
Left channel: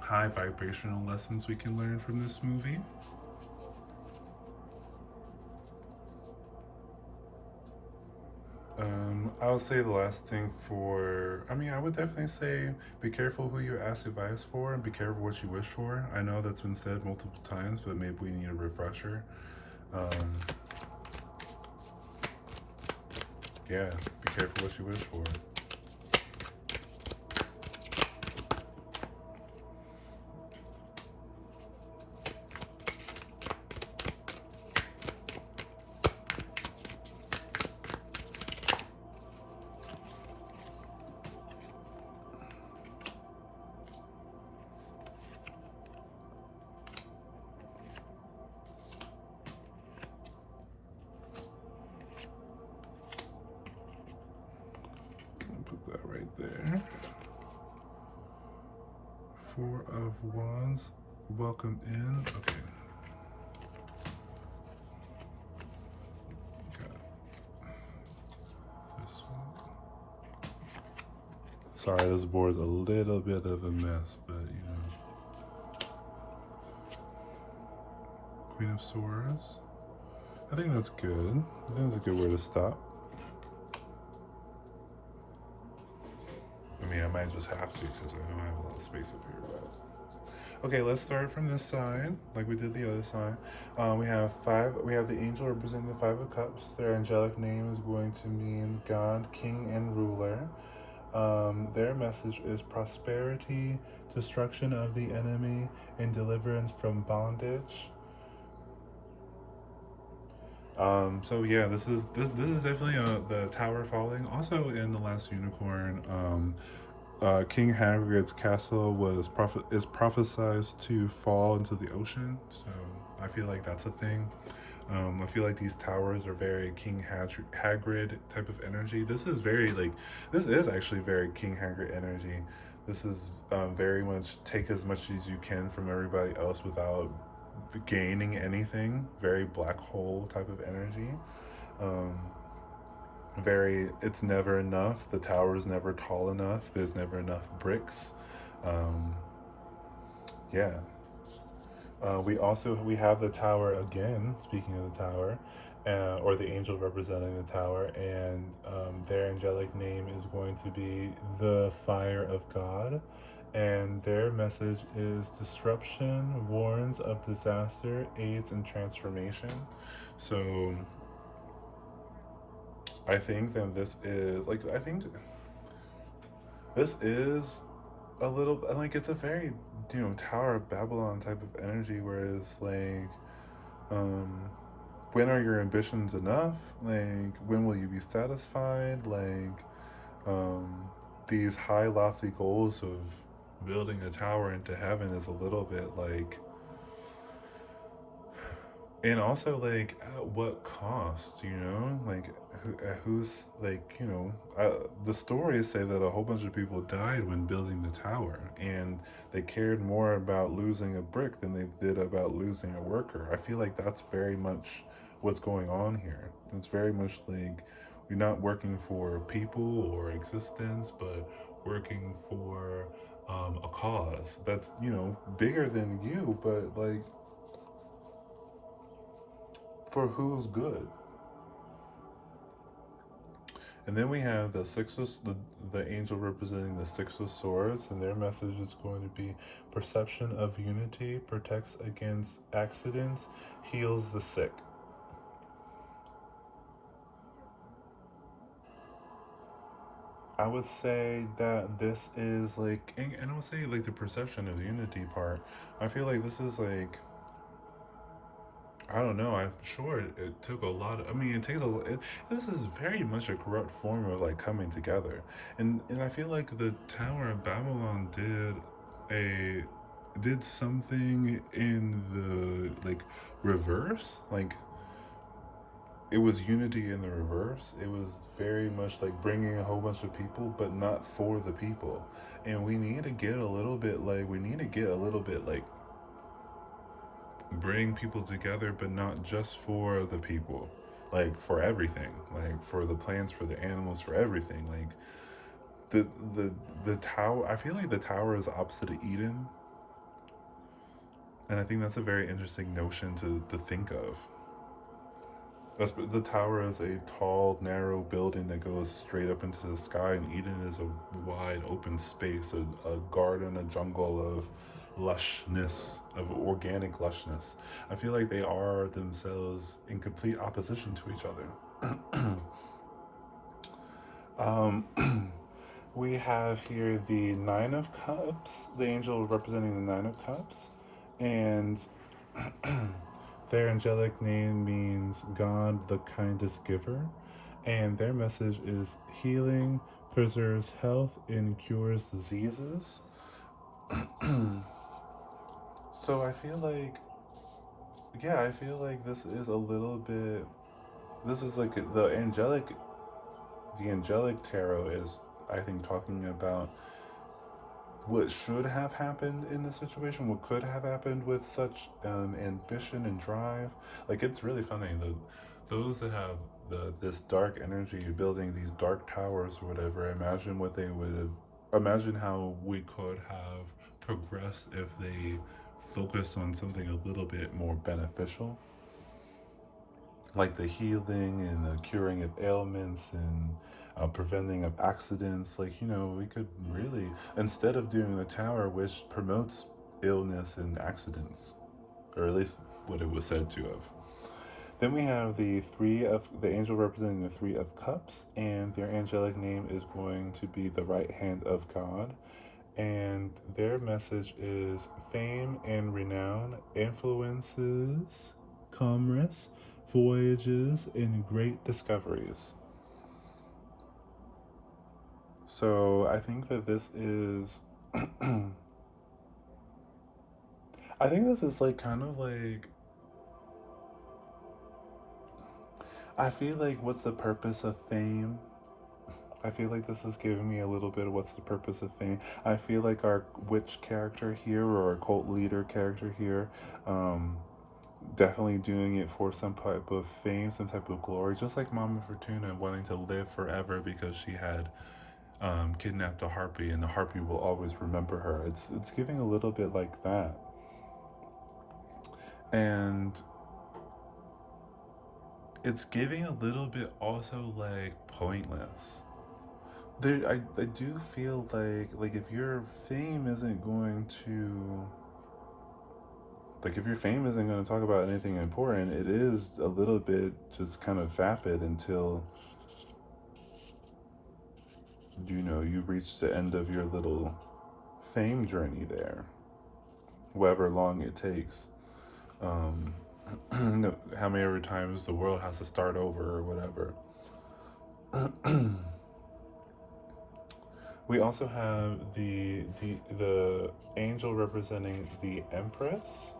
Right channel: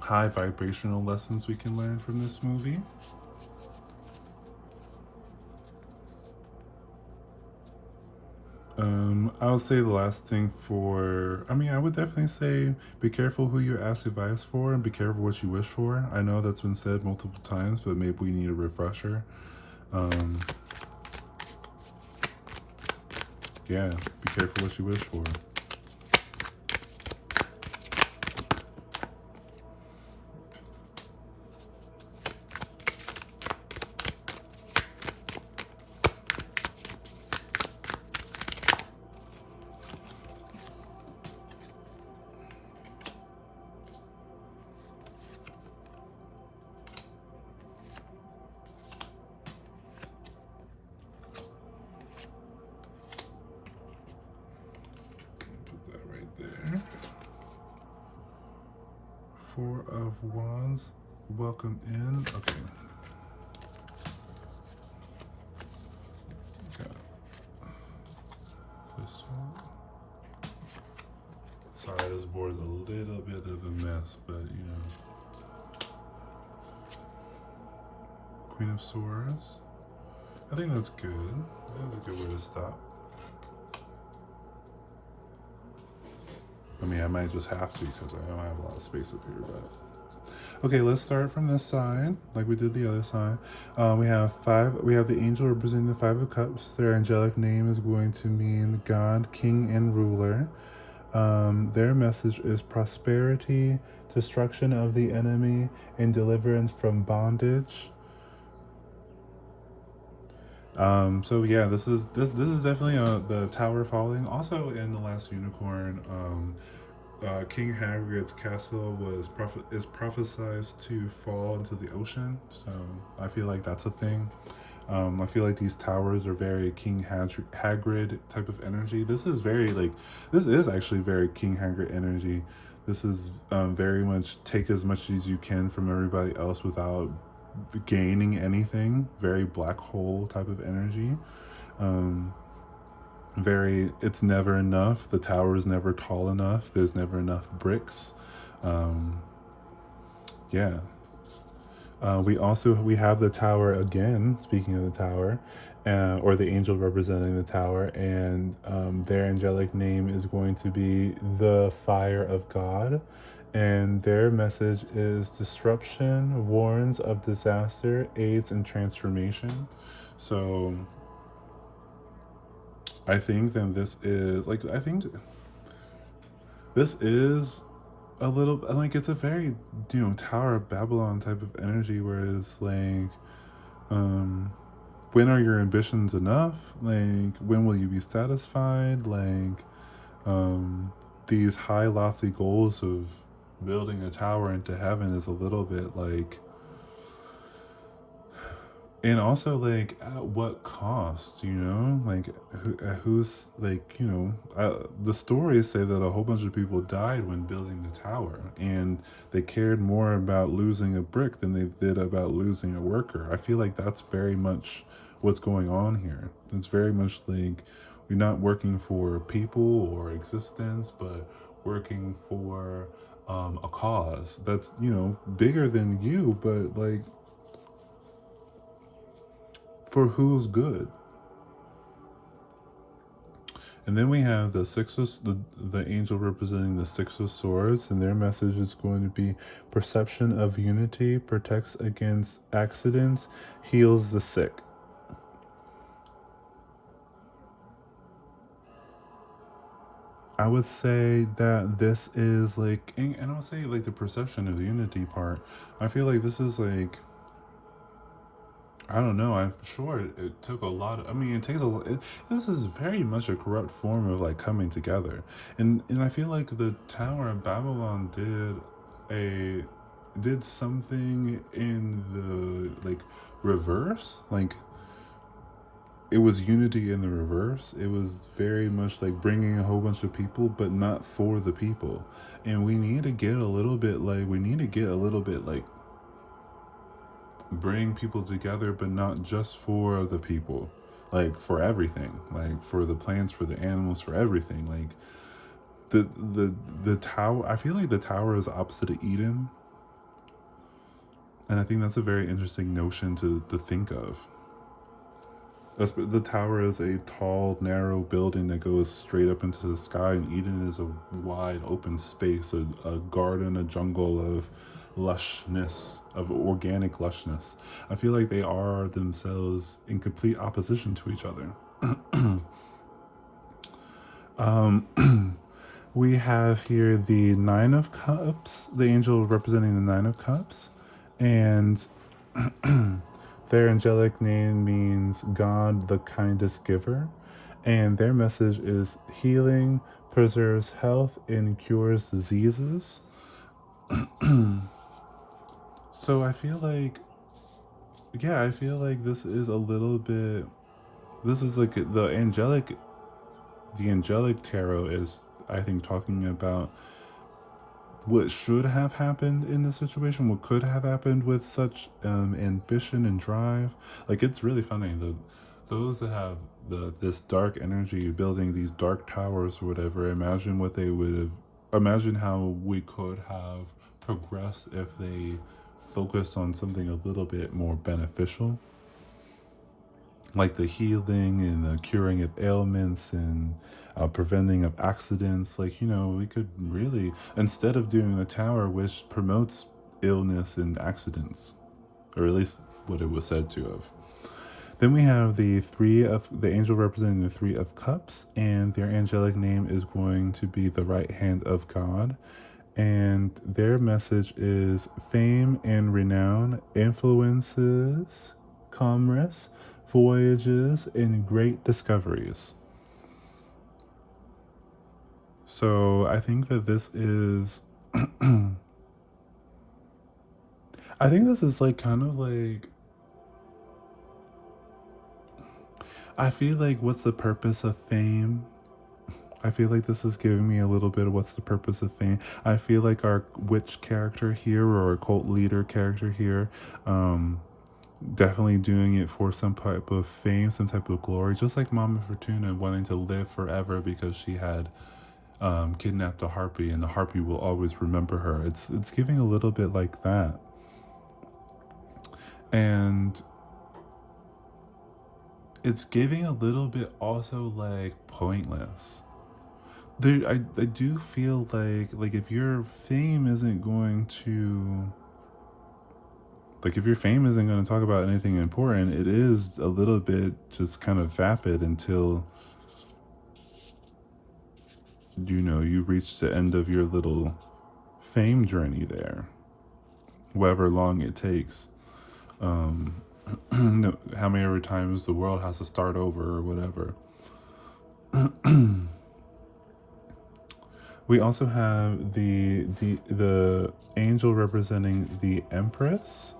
high vibrational lessons we can learn from this movie. I would say the last thing I would definitely say be careful who you ask advice for and be careful what you wish for. I know that's been said multiple times, but maybe we need a refresher. Um, yeah, be careful what you wish for. Put that right there. Four of Wands. Welcome in. Okay. Got this one. Sorry, this board's a little bit of a mess, but you know. Queen of Swords. I think that's good. I think that's a good way to stop. I mean, I might just have to because I don't have a lot of space up here. But okay, let's start from this side, like we did the other side. We have five. We have the angel representing the Five of Cups. Their angelic name is going to mean God, King, and Ruler. Their message is prosperity, destruction of the enemy, and deliverance from bondage. So yeah, this is definitely the Tower falling. Also, in the Last Unicorn, King Hagrid's castle is prophesied to fall into the ocean. So I feel like that's a thing. I feel like these towers are very King Hagrid type of energy. This is actually very King Hagrid energy. This is very much take as much as you can from everybody else without gaining anything. Very black hole type of energy. Um, it's never enough. The tower is never tall enough. There's never enough bricks. Um, yeah. We have the tower again. Speaking of the tower, or the angel representing the tower, and their angelic name is going to be the Fire of God, and their message is disruption, warns of disaster, aids in transformation. So I think that this is a little like it's a very Tower of Babylon type of energy, whereas like um when are your ambitions enough? Like when will you be satisfied? Like um these high lofty goals of building a tower into heaven is a little bit like, and also like at what cost, like who's like, the stories say that a whole bunch of people died when building the tower, and they cared more about losing a brick than they did about losing a worker. I feel like that's very much what's going on here. It's very much like You're not working for people or existence, but working for a cause that's, you know, bigger than you, but like for who's good. And then we have the the angel representing the Six of Swords, and their message is going to be perception of unity, protects against accidents, heals the sick. I would say that this is like, and I would say like the perception of the unity part. I feel like this is like, I don't know. I'm sure it took a lot of. I mean, it takes a. This is very much a corrupt form of like coming together, and I feel like the Tower of Babylon a did something in the like reverse. Like it was unity in the reverse. It was very much like bringing a whole bunch of people, but not for the people. And we need to get a little bit like we need to get a little bit like bring people together, but not just for the people, like for everything, like for the plants, for the animals, for everything. Like the the the tower. I feel like the tower is opposite of Eden, and I think that's a very interesting notion to think of. The tower is a tall, narrow building that goes straight up into the sky, and Eden is a wide, open space, a garden, a jungle of lushness, of organic lushness. I feel like they are themselves in complete opposition to each other. We have here the Nine of Cups, the angel representing the Nine of Cups, and their angelic name means God, the kindest giver, and their message is healing, preserves health, and cures diseases. So I feel like, yeah, I feel like this is a little bit. This is like the angelic tarot is, I think, talking about what should have happened in this situation, what could have happened with such ambition and drive. Like it's really funny. Those that have this dark energy building these dark towers or whatever. Imagine what they would have. Imagine how we could have progressed if they focused on something a little bit more beneficial, like the healing and the curing of ailments and preventing of accidents. Like, you know, we could really, instead of doing a tower which promotes illness and accidents, or at least what it was said to have. Then we have the angel representing the Three of Cups, and their angelic name is going to be the right hand of God. And their message is fame and renown, influences, commerce, voyages, and great discoveries. So I think that this is. I think this is like kind of like. I feel like what's the purpose of fame? I feel like this is giving me a little bit of what's the purpose of fame. I feel like our witch character here or our cult leader character here, definitely doing it for some type of fame, some type of glory. Just like Mama Fortuna wanting to live forever because she had kidnapped a harpy, and the harpy will always remember her. It's giving a little bit like that, and it's giving a little bit also like pointless. I do feel like if your fame isn't going to like if your fame isn't going to talk about anything important, it is a little bit just kind of vapid until you know you reach the end of your little fame journey there, however long it takes. Um, how many other times the world has to start over or whatever. We also have the angel representing the Empress,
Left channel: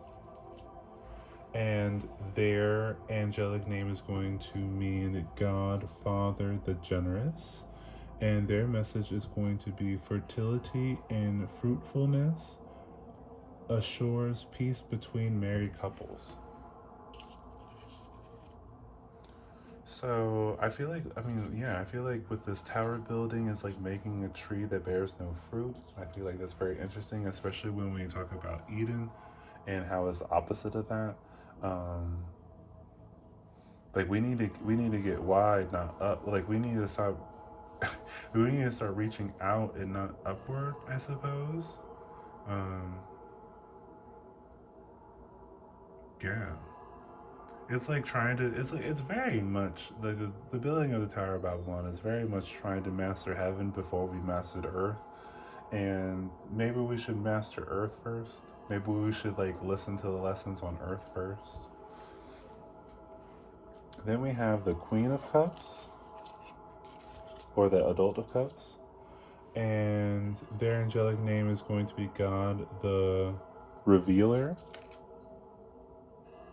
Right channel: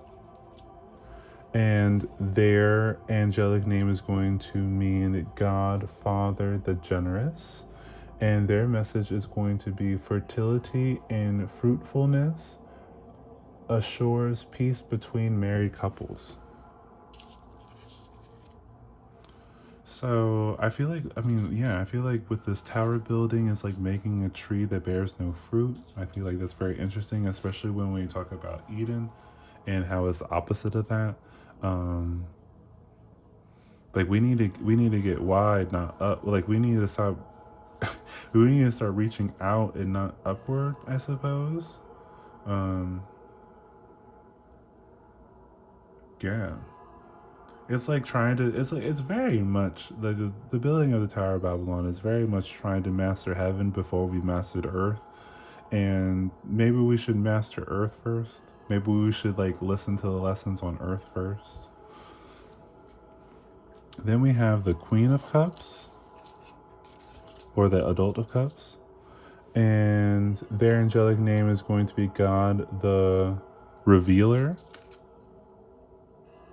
and their angelic name is going to mean God, Father, the Generous, and their message is going to be fertility and fruitfulness assures peace between married couples. So I feel like, I mean, yeah, I feel like with this tower building, it's like making a tree that bears no fruit. I feel like that's very interesting, especially when we talk about Eden and how it's the opposite of that. Um, like we need to get wide, not up. Like we need to start we need to start reaching out and not upward, I suppose. Um, yeah. It's like trying to. It's like it's very much the building of the Tower of Babylon is very much trying to master heaven before we mastered Earth, and maybe we should master Earth first. Maybe we should like listen to the lessons on Earth first. Then we have the Queen of Cups, or the Adult of Cups, and their angelic name is going to be God the Revealer.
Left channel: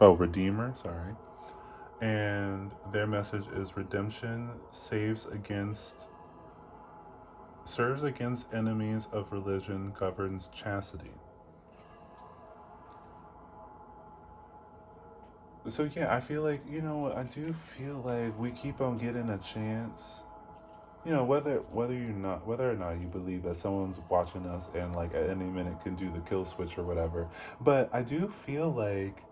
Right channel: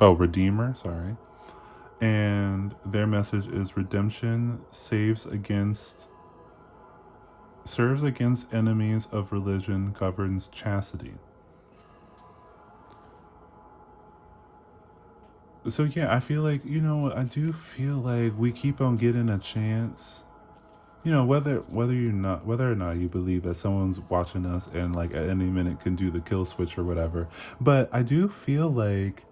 Oh, Redeemer. Sorry. And their message is redemption serves against enemies of religion, governs chastity. So yeah, I feel like, I do feel like we keep on getting a chance. Whether or not you believe that someone's watching us and like at any minute can do the kill switch or whatever. But I do feel like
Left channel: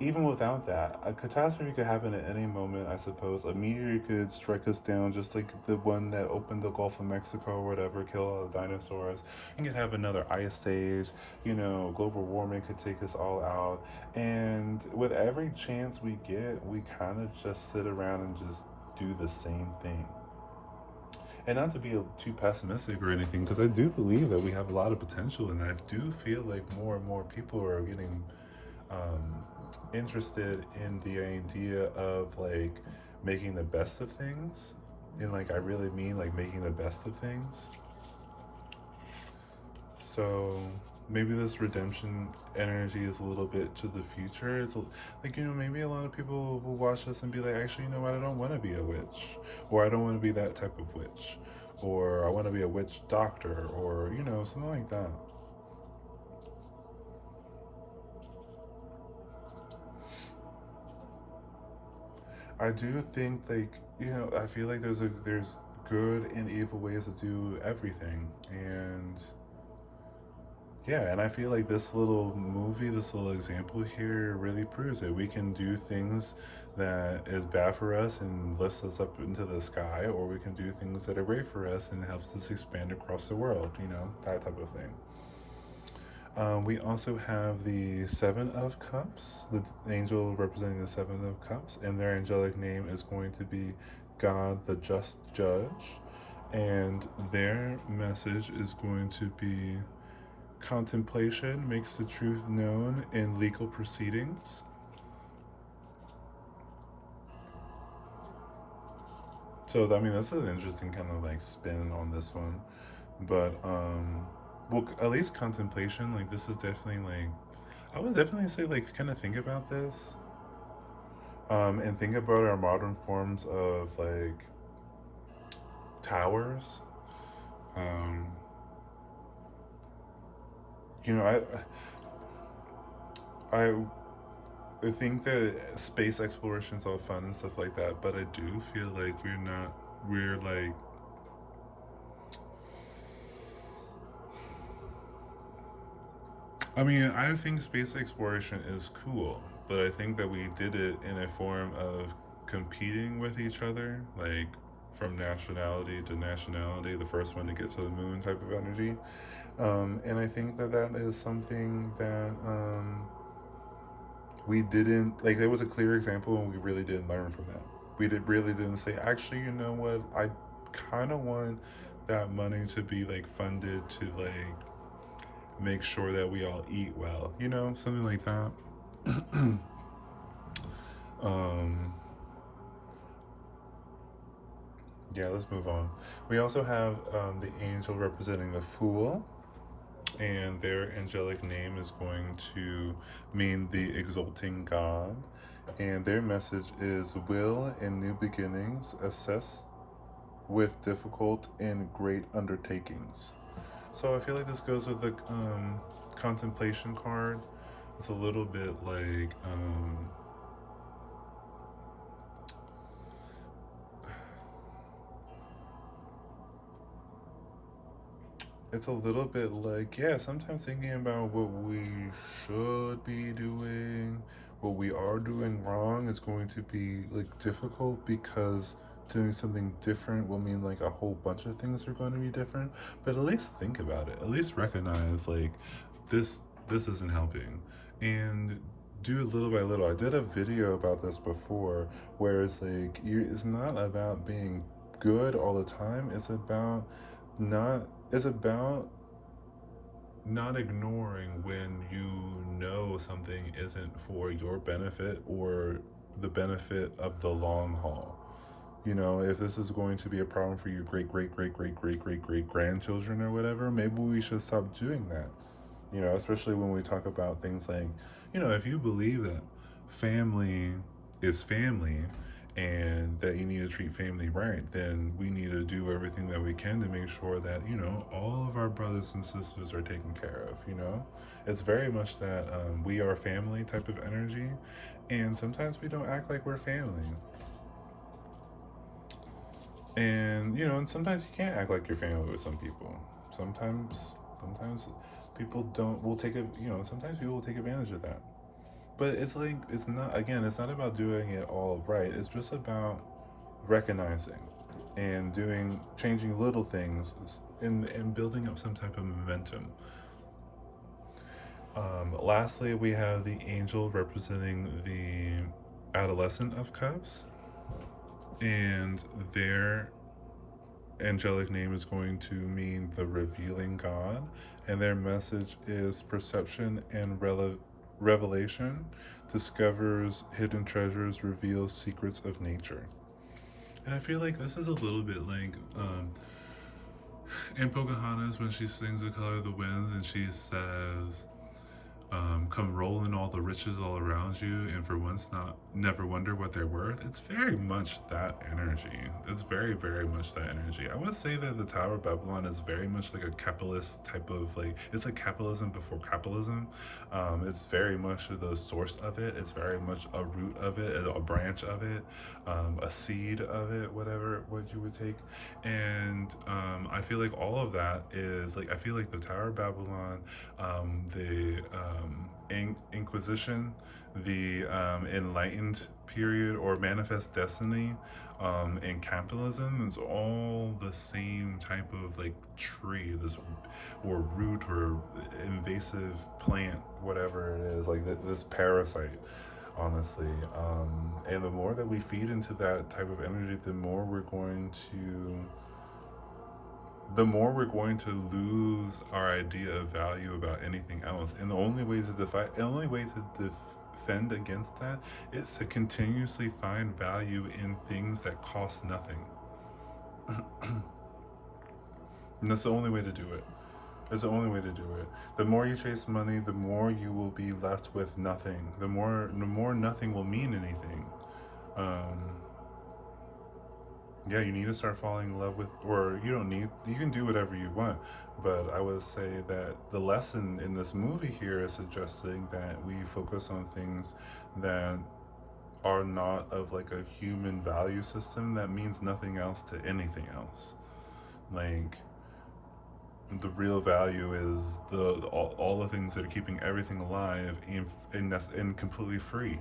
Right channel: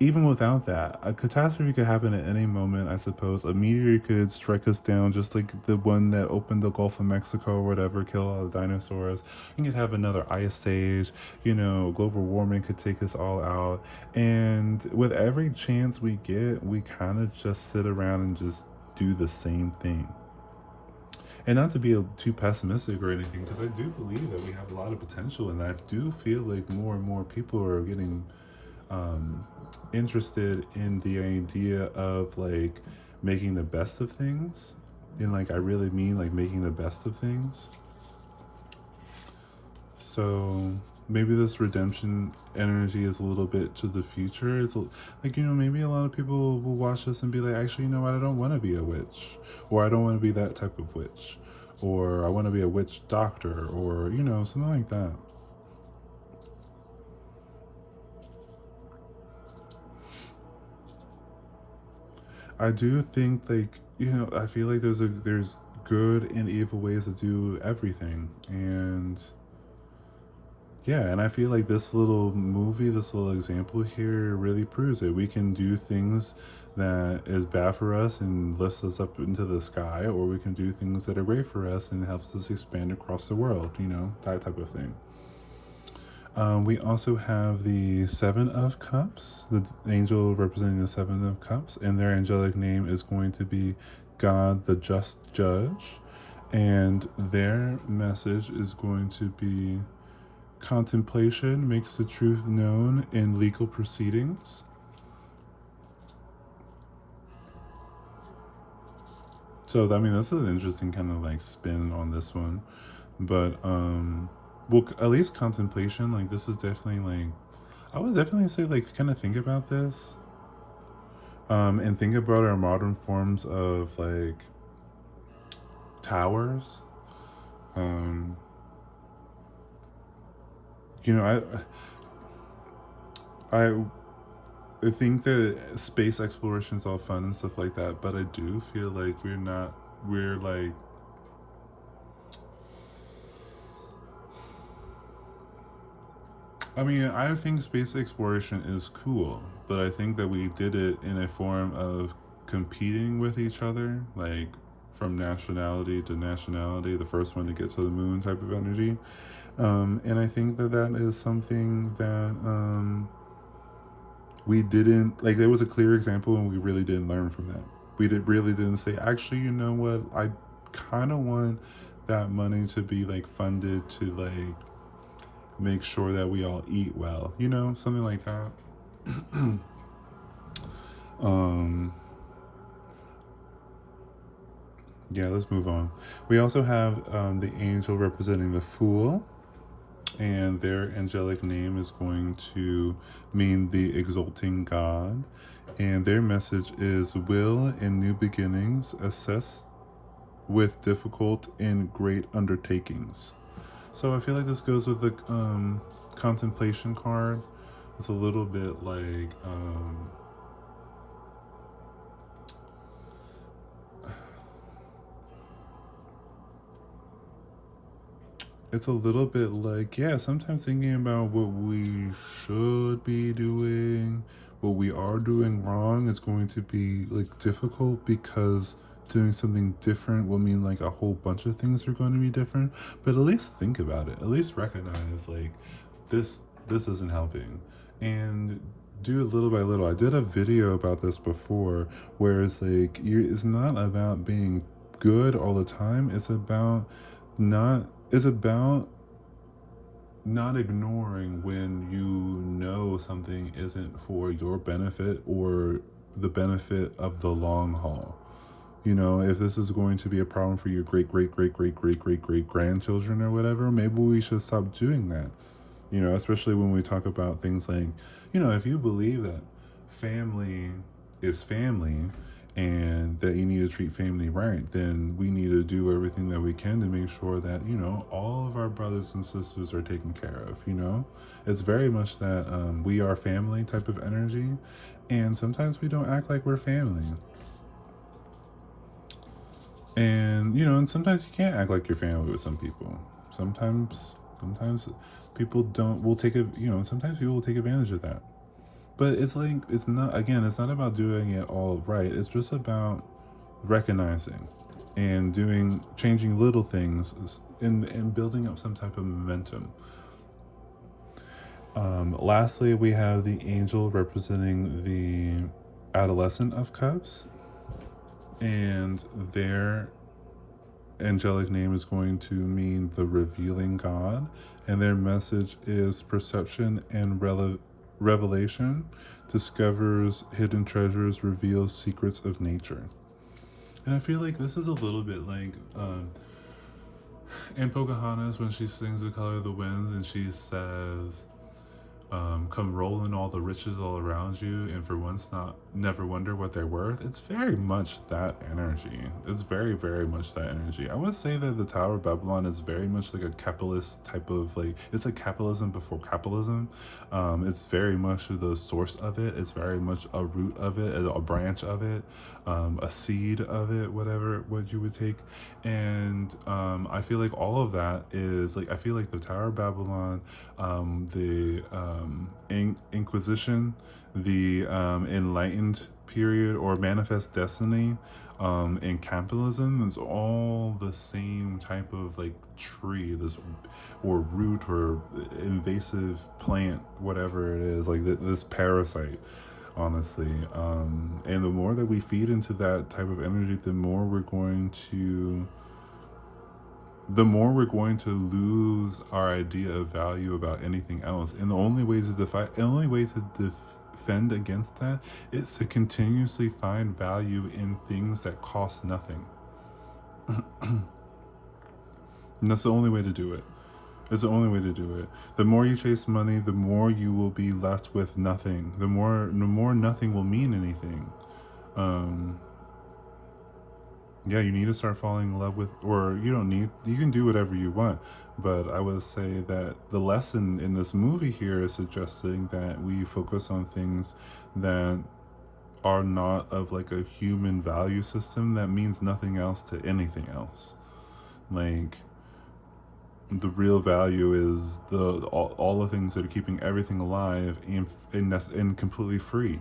even without that, a catastrophe could happen at any moment, I suppose. A meteor could strike us down, just like the one that opened the Gulf of Mexico or whatever, kill all the dinosaurs. You could have another ice age, global warming could take us all out. And with every chance we get, we kind of just sit around and just do the same thing. And not to be too pessimistic or anything, because I do believe that we have a lot of potential, and I do feel like more and more people are getting um, interested in the idea of like making the best of things. And like, I really mean like making the best of things. So maybe this redemption energy is a little bit to the future. It's like, maybe a lot of people will watch this and be like, actually, what? I don't want to be a witch, or I don't want to be that type of witch, or I want to be a witch doctor, or, something like that. I do think like I feel like there's good and evil ways to do everything, and yeah, and I feel like this little movie, this little example here, really proves it. We can do things that is bad for us and lifts us up into the sky, or we can do things that are great for us and helps us expand across the world. That type of thing. We also have the Seven of Cups, the angel representing the Seven of Cups, and their angelic name is going to be God the Just Judge. And their message is going to be contemplation makes the truth known in legal proceedings. So, I mean, that's an interesting kind of like spin on this one. But, well, at least contemplation, like, this is definitely like, I would definitely say, like, kind of think about this. And think about our modern forms of like towers. Um, you know, I think that space exploration is all fun and stuff like that, but I do feel like we're like, I mean, I think space exploration is cool, but I think that we did it in a form of competing with each other, like from nationality to nationality, the first one to get to the moon type of energy. And I think that that is something that we didn't like. There was a clear example, and we really didn't learn from that. Really didn't say, actually, you know what? I kind of want that money to be like funded to like make sure that we all eat well, something like that. um, yeah, let's move on. We also have the angel representing the fool, and their angelic name is going to mean the exalting God. And their message is will in new beginnings, assess with difficult and great undertakings. So I feel like this goes with the contemplation card. It's a little bit like it's a little bit like, yeah, sometimes thinking about what we should be doing, what we are doing wrong is going to be like difficult because doing something different will mean like a whole bunch of things are going to be different. But at least think about it. At least recognize like this isn't helping. And do it little by little. I did a video about this before where it's like it's not about being good all the time. Not it's about not ignoring when you know something isn't for your benefit or the benefit of the long haul. You know, if this is going to be a problem for your great grandchildren or whatever, maybe we should stop doing that. You know, especially when we talk about things like, you know, if you believe that family is family and that you need to treat family right, then we need to do everything that we can to make sure that, you know, all of our brothers and sisters are taken care of, you know? It's very much that we are family type of energy, and sometimes we don't act like we're family. And, you know, and sometimes you can't act like you're family with some people. Sometimes people don't, will take a, you know, sometimes people will take advantage of that. But it's like, it's not, again, it's not about doing it all right. It's just about recognizing and changing little things and building up some type of momentum. Lastly, we have the angel representing the adolescent of cups, and their angelic name is going to mean the revealing God, and their message is perception and revelation, discovers hidden treasures, reveals secrets of nature. And I feel like this is a little bit like in Pocahontas when she sings The Color of the Winds and she says, come rolling all the riches all around you, and for once not never wonder what they're worth. It's very much that energy. It's very much that energy. I would say that the Tower of Babylon is very much like a capitalist type of like, it's like capitalism before capitalism. It's very much the source of it. It's very much a root of it, a branch of it, a seed of it, whatever what you would take. And I feel like all of that is like, I feel like the Tower of Babylon, the Inquisition, the Enlightened period, or Manifest Destiny, and capitalism is all the same type of like tree, this or root or invasive plant, whatever it is, like this parasite. Honestly, and the more that we feed into that type of energy, the more we're going to lose our idea of value about anything else. And the only way to defend against that is to continuously find value in things that cost nothing. And that's the only way to do it. It's the only way to do it. The more you chase money, the more you will be left with nothing. The more nothing will mean anything. Um, yeah, you need to start falling in love with, or you can do whatever you want. But I would say that the lesson in this movie here is suggesting that we focus on things that are not of like a human value system that means nothing else to anything else. Like, the real value is all the things that are keeping everything alive and completely free.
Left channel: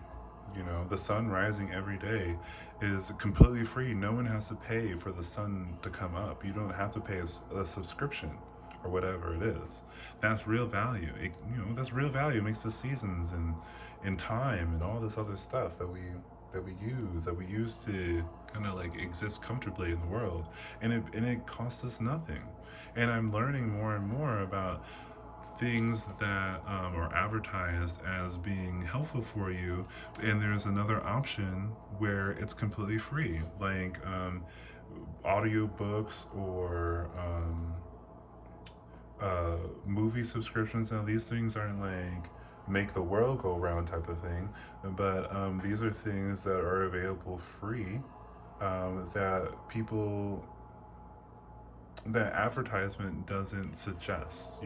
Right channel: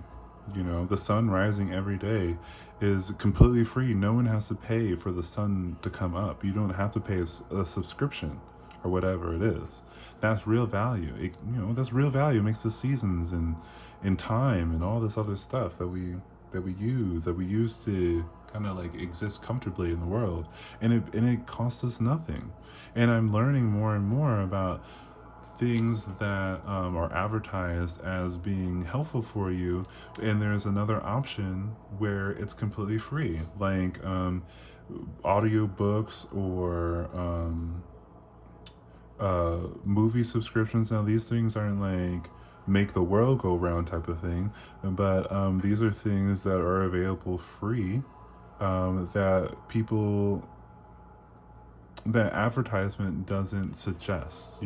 You know, the sun rising every day is completely free. No one has to pay for the sun to come up. You don't have to pay a subscription or whatever it is. That's real value. That's real value. It makes the seasons and in time and all this other stuff that we use to kind of like exist comfortably in the world, and it costs us nothing. And I'm learning more and more about things that are advertised as being helpful for you, and there's another option where it's completely free, like audio books or movie subscriptions. Now these things aren't like make the world go round type of thing, but these are things that are available free, that people that advertisement doesn't suggest.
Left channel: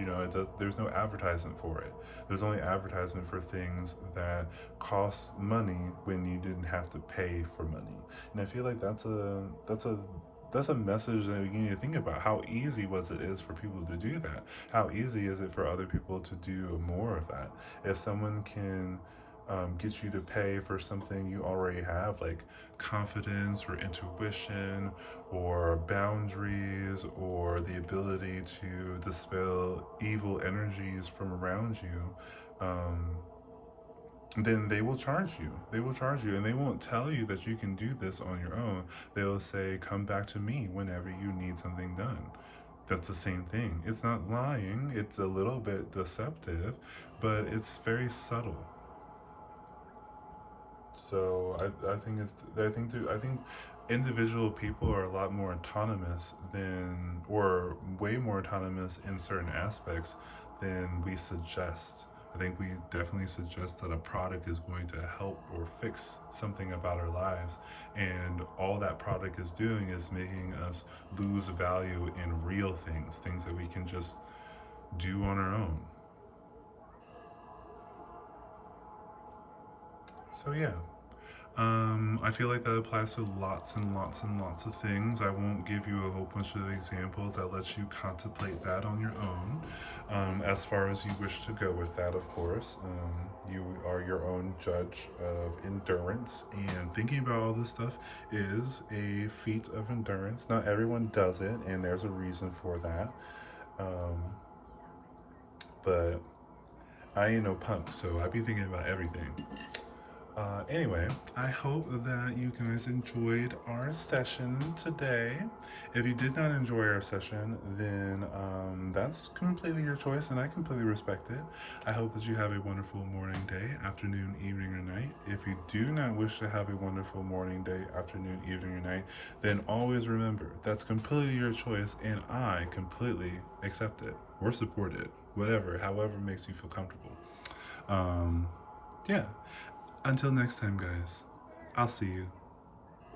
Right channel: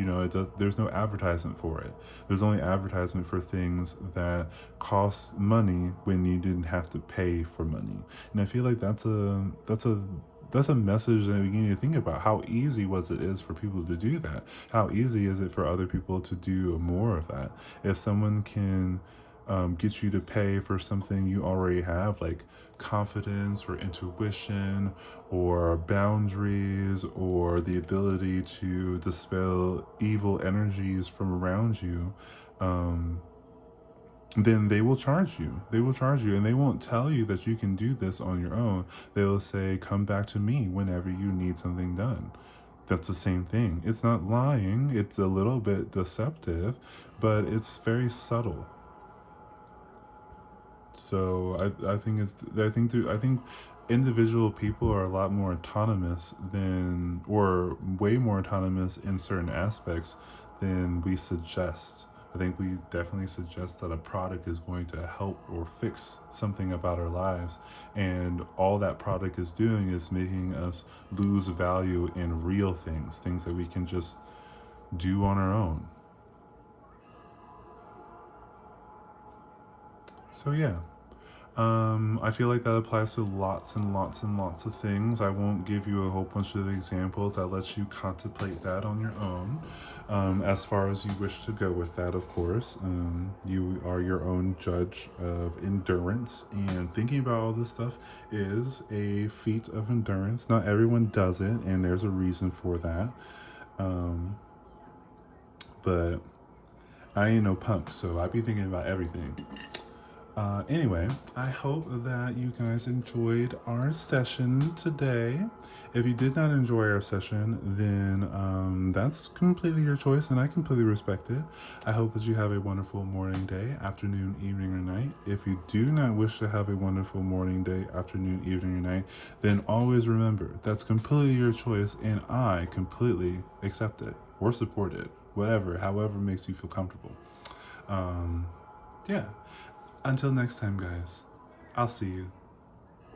There's no advertisement for it. There's only advertisement for things that cost money when you didn't have to pay for money. And I feel like that's a that's a message that you need to think about. How easy was it is for people to do that? How easy is it for other people to do more of that? If someone can get you to pay for something you already have, like confidence or intuition or boundaries or the ability to dispel evil energies from around you, um, then they will charge you. They will charge you, and they won't tell you that you can do this on your own. They will say, come back to me whenever you need something done. That's the same thing. It's not lying, it's a little bit deceptive, but it's very subtle. So I think individual people are a lot more autonomous than, or way more autonomous in certain aspects than we suggest. I think we definitely suggest that a product is going to help or fix something about our lives, and all that product is doing is making us lose value in real things, things that we can just do on our own. So yeah, I feel like that applies to lots and lots and lots of things. I won't give you a whole bunch of examples. I'll let you contemplate that on your own, as far as you wish to go with that, of course. You are your own judge of endurance, and thinking about all this stuff is a feat of endurance. Not everyone does it, and there's a reason for that. Um, but I ain't no punk, so I be thinking about everything. Anyway, I hope that you guys enjoyed our session today. If you did not enjoy our session, then that's completely your choice, and I completely respect it. I hope that you have a wonderful morning, day, afternoon, evening, or night. If you do not wish to have a wonderful morning, day, afternoon, evening, or night, then always remember that's completely your choice, and I completely accept it or support it, whatever, however makes you feel comfortable. Um, yeah. Until next time, guys, I'll see you.